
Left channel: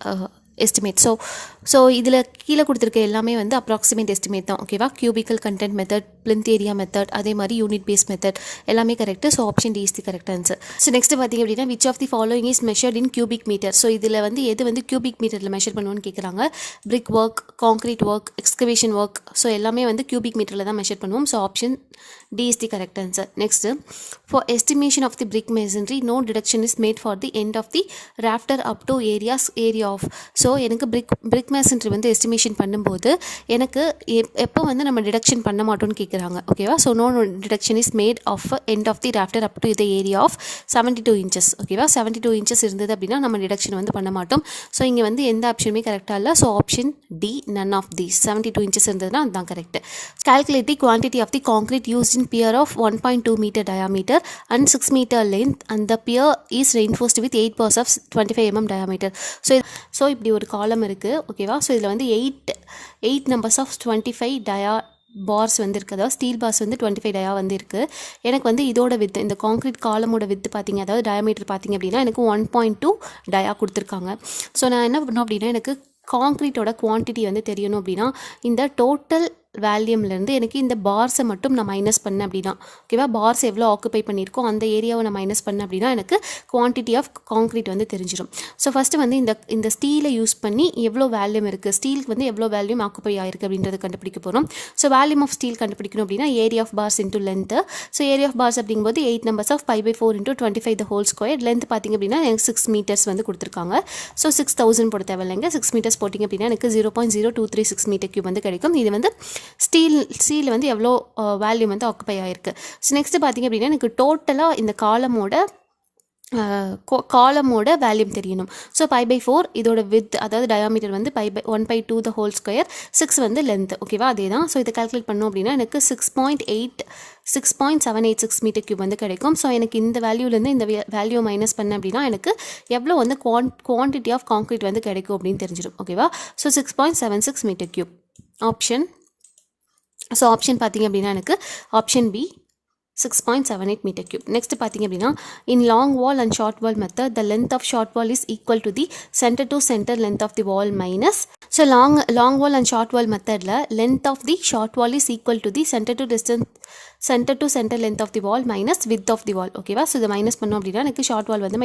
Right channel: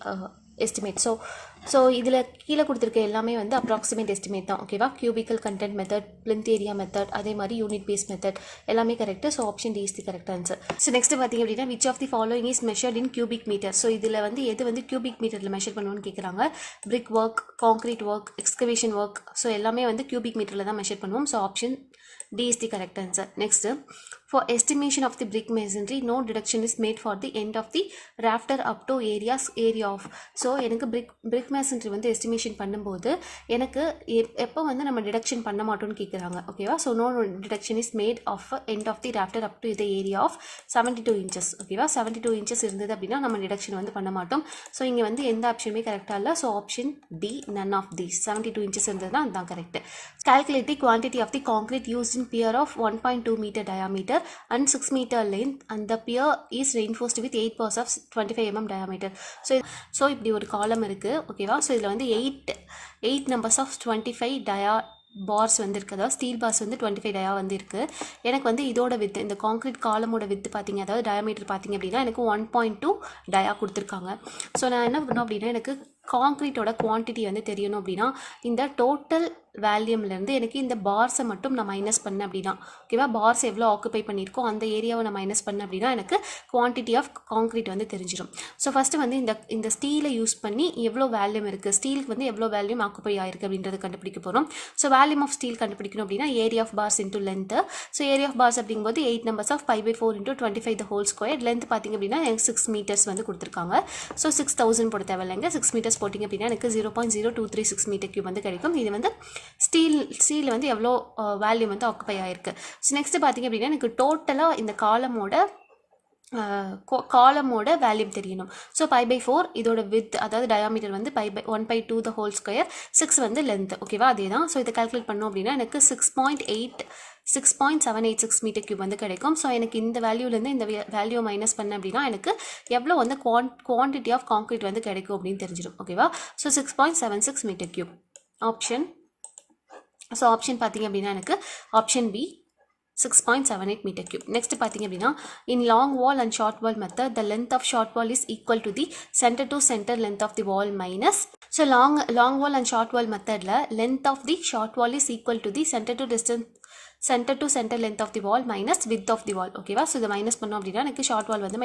So இதில் கீழே கொடுத்துருக்க எல்லாமே வந்து அப்ராக்சிமேட் எஸ்டிமேட் தான். ஓகேவா? Cubical content method, plinth area method, அதே மாதிரி யூனிட் பேஸ் மெத்தட் எல்லாமே correct. So option D is the correct answer. So next பார்த்தீங்க அப்படின்னா which of the following is measured in cubic meter. So இதில் வந்து எது வந்து கியூபிக் மீட்டரில் மெஷர் பண்ணுவோன்னு கேட்குறாங்க. பிரிக் work, concrete work, excavation work, so எல்லாமே வந்து கியூபிக் மீட்டரில் தான் மெஷர் பண்ணுவோம். So option D is the correct answer. Next, for estimation of the brick masonry, no deduction is made for the end of the rafter up to area of. So எனக்கு brick masonry வந்து estimation பண்ணும்போது எனக்கு எப்போ வந்து நம்ம deduction பண்ண மாட்டோம்னு கேட்குறாங்க. ஓகேவா? So no deduction is made of end of the rafter up to the area of 72 inches. ஓகேவா? 72 inches இருந்தது அப்படின்னா நம்ம டிடக்ஷன் வந்து பண்ண மாட்டோம். ஸோ இங்கே வந்து எந்த ஆப்ஷனுமே கரெக்டாக இல்லை. So option D, none of these. 72 inches இருந்ததுன்னா அதுதான் correct. Calculate the quantity of the concrete used in pier of 1.2 meter diameter and 6 meter length and the pier is reinforced with 8 bars of 25 mm diameter. So இப்படி ஒரு காலம் இருக்குது. ஓகேவா? So இதில் வந்து 8 numbers of 25 parse வந்து இருக்குது, அதாவது ஸ்டீல் பார்ஸ் வந்து 25 டயா வந்து இருக்குது. எனக்கு வந்து இதோட வித்து, இந்த கான்க்ரீட் காலமோட வித்து பார்த்திங்க, அதாவது டயாமீட்டர் பார்த்திங்க அப்படின்னா எனக்கு 1.2 டயா கொடுத்துருக்காங்க. ஸோ நான் என்ன பண்ணோம் அப்படின்னா எனக்கு கான்க்ரீட்டோட குவான்டிட்டி வந்து தெரியணும் அப்படின்னா இந்த டோட்டல் வேல்யூம்லேருந்து எனக்கு இந்த பார்ஸை மட்டும் நான் மைனஸ் பண்ணேன் அப்படின்னா, ஓகேவா, பார்ஸ் எவ்வளோ ஆக்குப்பை பண்ணியிருக்கோம் அந்த ஏரியாவை நான் மைனஸ் பண்ணேன் அப்படின்னா எனக்கு குவான்டிட்டி ஆஃப் காங்க்ரீட் வந்து தெரிஞ்சிடும். ஸோ ஃபஸ்ட்டு வந்து இந்த ஸ்டீலை யூஸ் பண்ணி எவ்வளோ வேல்யூம் இருக்குது, ஸ்டீலுக்கு வந்து எவ்வளோ வேல்யூம் ஆக்குப்பை ஆயிருக்கு அப்படின்றது கண்டுபிடிக்க போகிறோம். ஸோ வேல்யூம் ஆஃப் ஸ்டீல் கண்டுபிடிக்கணும் அப்படின்னா area of bars into length. So area of bars அப்படிங்கும்போது 8 numbers of 5/4 into 25 the whole square. Length பார்த்திங்க அப்படின்னா எனக்கு 6 meters வந்து கொடுத்துருக்காங்க. ஸோ 6000 போட தேவையில்லைங்க, 6 meters போட்டிங்க அப்படின்னா எனக்கு 0.0236 meter cube வந்து கிடைக்கும். இது வந்து ஸ்டீல் வந்து எவ்வளோ வேல்யூம் வந்து ஆக்குப்பை ஆயிருக்கு. ஸோ நெக்ஸ்ட் பார்த்திங்க அப்படின்னா எனக்கு டோட்டலாக இந்த காலமோட வேல்யூம் தெரியணும். ஸோ 5/4 இதோட வித், அதாவது டயாமீட்டர் வந்து 1/2 the whole square, 6 வந்து லென்த், ஓகேவா, அதே தான். ஸோ இதை கால்குலேட் பண்ணோம் அப்படின்னா எனக்கு 6.786 மீட்டர் கியூப் வந்து கிடைக்கும். ஸோ எனக்கு இந்த வேல்யூலேருந்து இந்த வேல்யூ மைனஸ் பண்ண அப்படின்னா எனக்கு எவ்வளோ வந்து குவான்டிட்டி ஆஃப் காங்க்ரீட் வந்து கிடைக்கும் அப்படின்னு தெரிஞ்சிடும், ஓகேவா. So 6.76 meter cube option. So option பார்த்திங்க அப்படின்னா எனக்கு option B 6.78 meter cube. Next பார்த்திங்க அப்படின்னா in long wall and short wall method the length of short wall is equal to the center to center length of the wall minus. So long wall and short wall methodல length of the short wall is equal to the center to center length of the wall minus width of the wall, ஓகேவா. So இதை minus பண்ணோம் அப்படின்னா எனக்கு short wall வந்து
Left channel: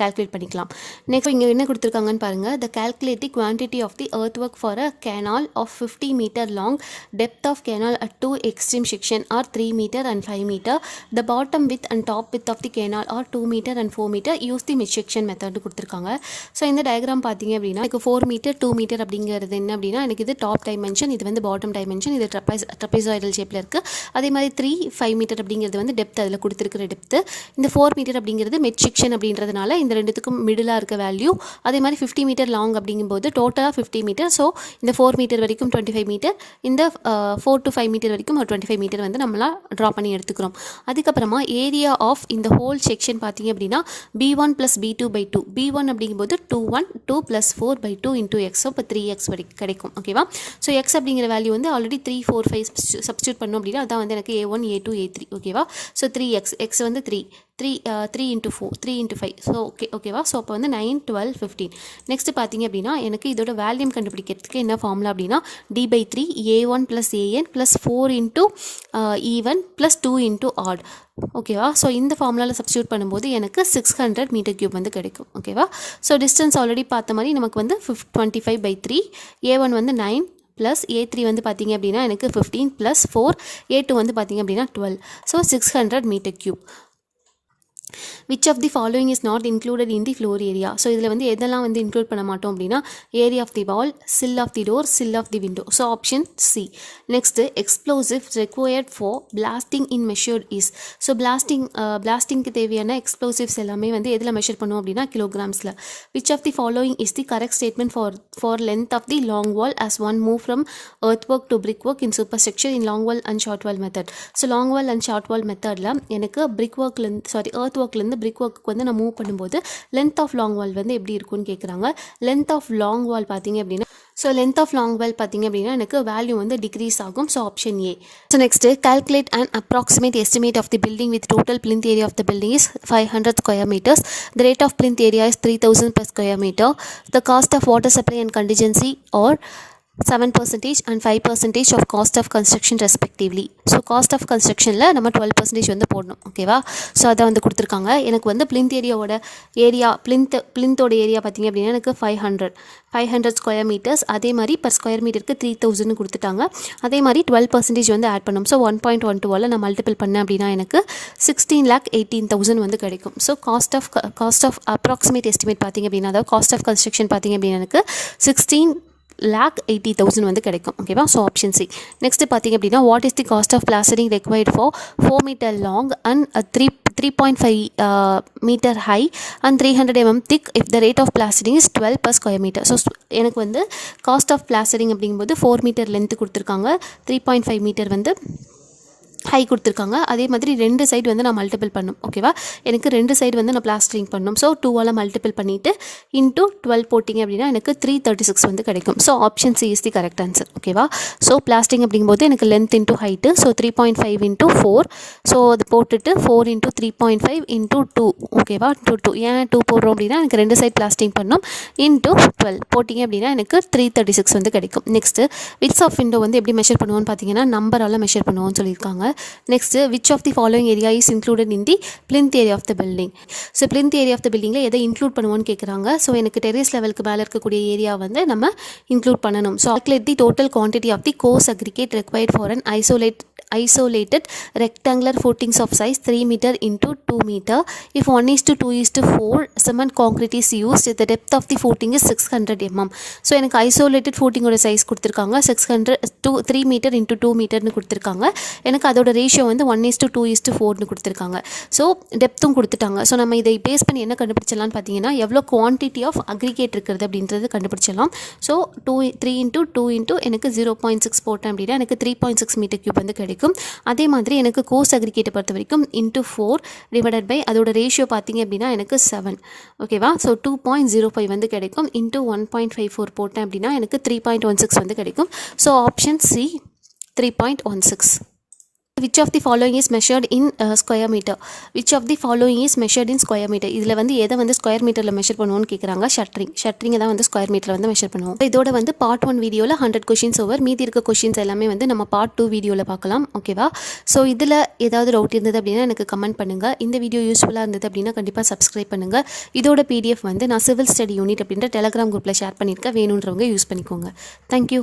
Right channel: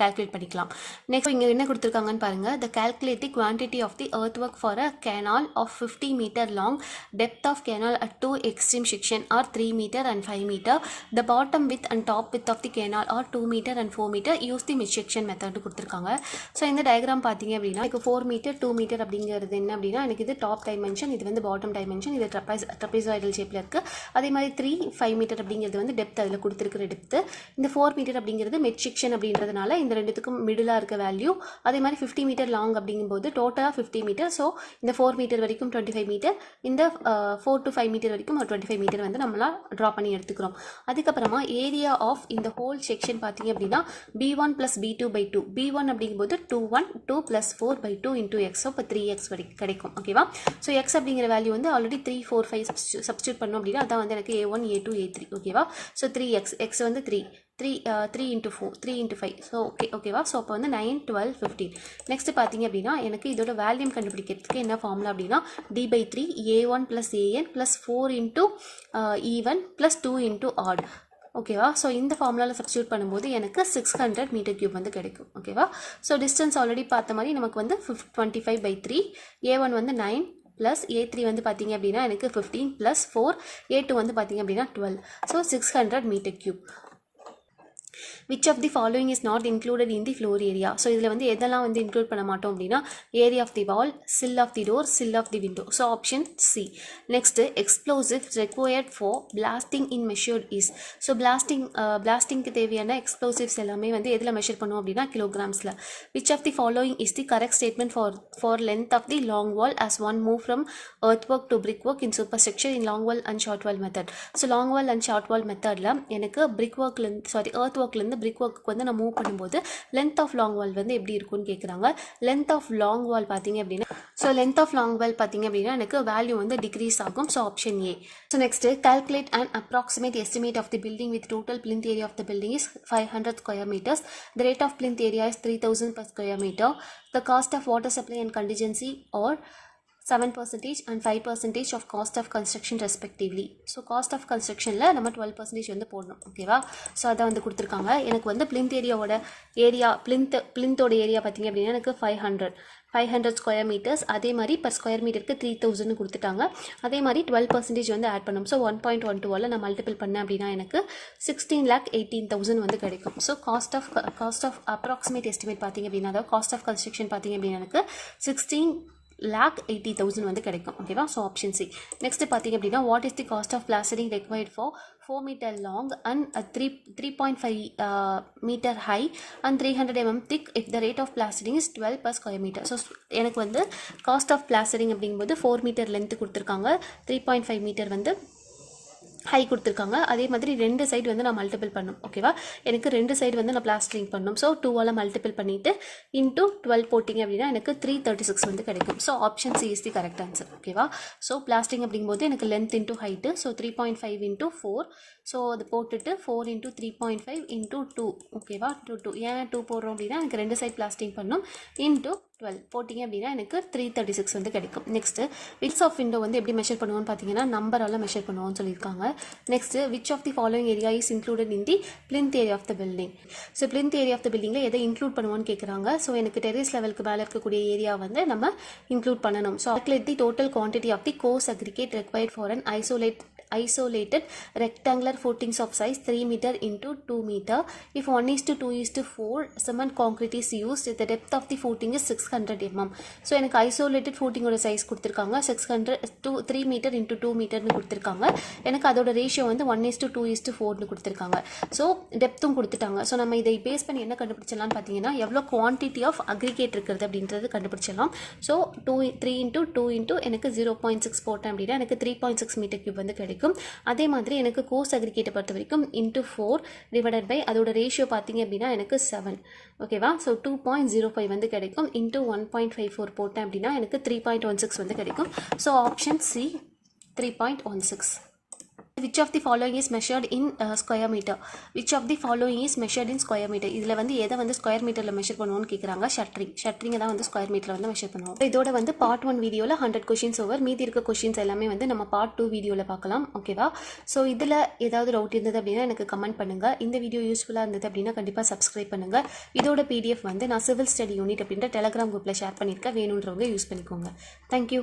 calculate பண்ணிக்கலாம். Next இங்கே என்ன கொடுத்துருக்காங்கன்னு பாருங்கள். the calculated quantity of the earthwork for a canal of 50 meter long, depth of canal at 2 extreme section are 3 meter and 5 meter, the bottom width and top width of the canal are 2 meter and 4 meter, use the mid section method கொடுத்துருக்காங்க. So இந்த diagram பார்த்தீங்க அப்படின்னா எனக்கு 4 meter 2 meter அப்படிங்கிறது என்ன அப்படின்னா எனக்கு இது டாப் டைமென்ஷன், இது வந்து பாட்டம் டைமென்ஷன், இது ட்ரப்பைசாய்டல் ஷேப்பில் இருக்குது. அதே மாதிரி 3-5 மீட்டர் அப்படிங்கிறது வந்து டெப்த், அதில் கொடுத்துருக்கிற டெப்த்து. இந்த 4 மீட்டர் அப்படிங்கிறது மிட் செக்ஷன் அப்படின்றதுனால இந்த ரெண்டுத்துக்கும் மிடிலாக இருக்க வேல்யூ. அதே மாதிரி 50 மீட்டர் லாங் அப்படிங்கும்போது டோட்டலாக 50 மீட்டர். ஸோ இந்த 4 மீட்டர் வரைக்கும் 25 மீட்டர், இந்த 4 to 5 மீட்டர் வரைக்கும் 25 மீட்டர் வந்து நம்மளாம் ட்ரா பண்ணி எடுத்துக்கிறோம். அதுக்கப்புறமா ஏரியா ஆஃப் இந்த ஹோல் செக்ஷன் பார்த்தீங்க அப்படின்னா B1 + B2/2. B1 அப்படிங்கும்போது 2 + 4/2 into x. ஸோ இப்போ 3x வரைக்கும் கிடைக்கும், ஓகேவா. ஸோ x அப்படிங்கிற வேல்யூ வந்து ஆல்ரெடி 3, 4, 5 சப்ஸ்டியூட் பண்ணோம் அப்படின்னா அதான் வந்து எனக்கு A1, A2, A3, ஓகேவா. ஸோ 3x, x வந்து 3 into 4, 3 into 5. ஸோ ஓகேவா. ஸோ அப்போ வந்து 9, 12, 15. நெக்ஸ்ட் பார்த்தீங்க அப்படின்னா எனக்கு இதோட வேல்யூம் கண்டுபிடிக்கிறதுக்கு என்ன ஃபார்முலா அப்படின்னா D/3 A1 + AN + 4 into even + 2 into odd, ஓகேவா. ஸோ இந்த ஃபார்முலாவில் சப்ஸ்டியூட் பண்ணும்போது எனக்கு 600 மீட்டர் கியூப் வந்து கிடைக்கும், ஓகேவா. ஸோ டிஸ்டன்ஸ் ஆல்ரெடி பார்த்த மாதிரி நமக்கு வந்து 25/3, A1 வந்து 9 + A3 வந்து பார்த்திங்க அப்படின்னா எனக்கு 15 + 4, A2 வந்து பார்த்திங்க அப்படின்னா 12. So 600 meter cube. which of the following is not included in the floor area. So இதில் வந்து எதெல்லாம் வந்து இன்க்ளூட் பண்ண மாட்டோம் அப்படின்னா area of the wall, sill of the door, sill of the window. So option C. Next explosive required for blasting in measured is. So பிளாஸ்டிங்க்கு தேவையான explosives எல்லாமே வந்து எதில் மெஷர் பண்ணுவோம் அப்படின்னா கிலோகிராம்ஸில். which of the following is the correct statement for length of the long wall as one move from earthwork to brickwork in superstructure in long wall and short wall method. So long wall and short wall மெத்தடில் எனக்கு earthworkலேருந்து brick work வந்து நான் move பண்ணும்போது length of long wall வந்து எப்படி இருக்கும்னு கேட்குறாங்க. length of long wall பார்த்தீங்க அப்படின்னா length of long wall பார்த்தீங்க அப்படின்னா எனக்கு வேல்யூ வந்து டிக்ரீஸ் ஆகும். So option A. So next calculate an approximate estimate of the building with total plinth area of the building is 500 square meters. The rate of plinth area is 3000 per square meter. The cost of water supply and contingency or 7% and 5% of cost of construction respectively. So cost of கன்ஸ்ட்ரக்ஷனில் நம்ம 12% வந்து போடணும், ஓகேவா. So அதை வந்து கொடுத்துருக்காங்க. எனக்கு வந்து பிளிந்த் பிளிந்தோட ஏரியா பார்த்திங்க அப்படின்னா எனக்கு 500 ஸ்கொயர் மீட்டர்ஸ். அதே மாதிரி பர் ஸ்கொயர் மீட்டருக்கு 3000 கொடுத்துட்டாங்க. அதே மாதிரி 12% வந்து ஆட் பண்ணணும். ஸோ 1.12 நான் மல்டிபிள் பண்ணேன் அப்படின்னா எனக்கு 16,18,000 வந்து கிடைக்கும். So cost of approximate estimate பார்த்திங்க அப்படின்னா அதாவது காஸ்ட் ஆஃப் கன்ஸ்ட்ரக்ஷன் பார்த்திங்க அப்படின்னா எனக்கு 16,80,000 வந்து கிடைக்கும், ஓகேவா. So option C. நெக்ஸ்ட் பார்த்திங்க அப்படின்னா what is the cost of plastering required for 4 meter long and 3.5 meter high and 300 mm thick if the rate of plastering is 12 per square meter. So எனக்கு வந்து காஸ்ட் ஆஃப் பிளாஸ்டரிங் அப்படிங்கும்போது 4 meter length கொடுத்துருக்காங்க, 3.5 meter வந்து high கொடுத்துருக்காங்க. அதே மாதிரி 2 side வந்து நான் மல்டிபிள் பண்ணும். ஓகேவா, எனக்கு 2 சைடு வந்து நான் பிளாஸ்டரிங் பண்ணணும். ஸோ 2ஆல் மல்டிபிள் பண்ணிவிட்டு இன்ட்டு 12 போட்டிங்க அப்படின்னா எனக்கு 336 வந்து கிடைக்கும். So option C is the correct answer. ஓகேவா, ஸோ பிளாஸ்டிங் அப்படிங்கும்போது எனக்கு length into height. So 3.5 into 4. So அது போட்டுட்டு 4 இன்ட்டு 3.5 இன்ட்டு 2. ஓகேவா, இன்ட்டு 2. ஏன் 2 போடுறோம் அப்படின்னா எனக்கு 2 சைட் பிளாஸ்டிங் பண்ணணும். இன்ட்டு 12 போட்டிங்க அப்படின்னா எனக்கு 336 வந்து கிடைக்கும். நெக்ஸ்ட்டு விட்ஸ் ஆஃப் விண்டோ வந்து எப்படி மெஷர் பண்ணுவோன்னு பார்த்தீங்கன்னா நம்பரால் மெஷர் பண்ணுவோம்னு சொல்லியிருக்காங்க. Next which of the following area is included in the plinth area of the building. So plinth area of the பில்டிங்கில் எதை இன்க்ளூட் பண்ணுவோன்னு கேட்குறாங்க. ஸோ எனக்கு டெரேஸ் லெவலுக்கு மேலே இருக்கக்கூடிய ஏரியா வந்து நம்ம இன்க்ளூட் பண்ணணும். So calculate the total quantity of the coarse aggregate required for an isolated rectangular footings of size 3 meter into 2 meter. If 1:2:4 cement concrete is used, the depth of the footing is 600 mm. So எனக்கு isolated ஃபூட்டிங்கோட size கொடுத்துருக்காங்க 3 metre into 2 மீட்டர்னு கொடுத்துருக்காங்க. எனக்கு அதோட ratio வந்து 1:2:4னு கொடுத்துருக்காங்க. So டெப்த்தும் கொடுத்துட்டாங்க. So நம்ம இதை பேஸ் பண்ணி என்ன கண்டுபிடிச்சலாம்னு பார்த்தீங்கன்னா எவ்வளோ குவான்டிட்டி ஆஃப் அக்ரிகேட் இருக்கிறது அப்படின்றது கண்டுபிடிச்சலாம். ஸோ 3 இன்ட்டு 2 இன்ட்டு எனக்கு 0.6 போட்டேன் அப்படின்னா எனக்கு 3.6 மீட்டர் கியூப் வந்து கிடைக்கும். அதே மாதிரி எனக்கு கோர்ஸ் அக்ரிகேட்டை பொறுத்த வரைக்கும் இன்ட்டு 4 டிவைடட் பை அதோட ரேஷியோ பார்த்தீங்க அப்படின்னா எனக்கு 7. ஓகேவா, ஸோ 2.05 வந்து கிடைக்கும். இன்ட்டு 1.54 போட்டேன் அப்படின்னா எனக்கு 3.16 வந்து கிடைக்கும். So option C 3.16. Which of the following is measured in square meter? Which of the following is measured in square meter? இதில் வந்து எதை வந்து ஸ்கொயர் மீட்டரில் மெஷர் பண்ணுவோன்னு கேட்குறாங்க. ஷட்டரிங்கை தான் வந்து ஸ்கொயர் மீட்டரில் வந்து மெஷர் பண்ணுவோம். இதோட வந்து பார்ட் 1 வீடியோவில் 100 கொஷின்ஸ் ஓவர். மீதி இருக்க கொஷின்ஸ் எல்லாமே வந்து நம்ம பார்ட் 2 வீடியோவில் பார்க்கலாம். ஓகேவா, ஸோ இதில் ஏதாவது டவுட் இருந்தது அப்படின்னா எனக்கு கமெண்ட் பண்ணுங்கள். இந்த வீடியோ யூஸ்ஃபுல்லாக இருந்தது அப்படின்னா கண்டிப்பாக சப்ஸ்கிரைப் பண்ணுங்கள். இதோட PDF வந்து நான் சிவில் ஸ்டடி யூனிட் அப்படின்ற டெலகிராம் குரூப்பில் ஷேர் பண்ணியிருக்கேன். வேணுன்றவங்க யூஸ் பண்ணிக்கோங்க. தேங்க்யூ.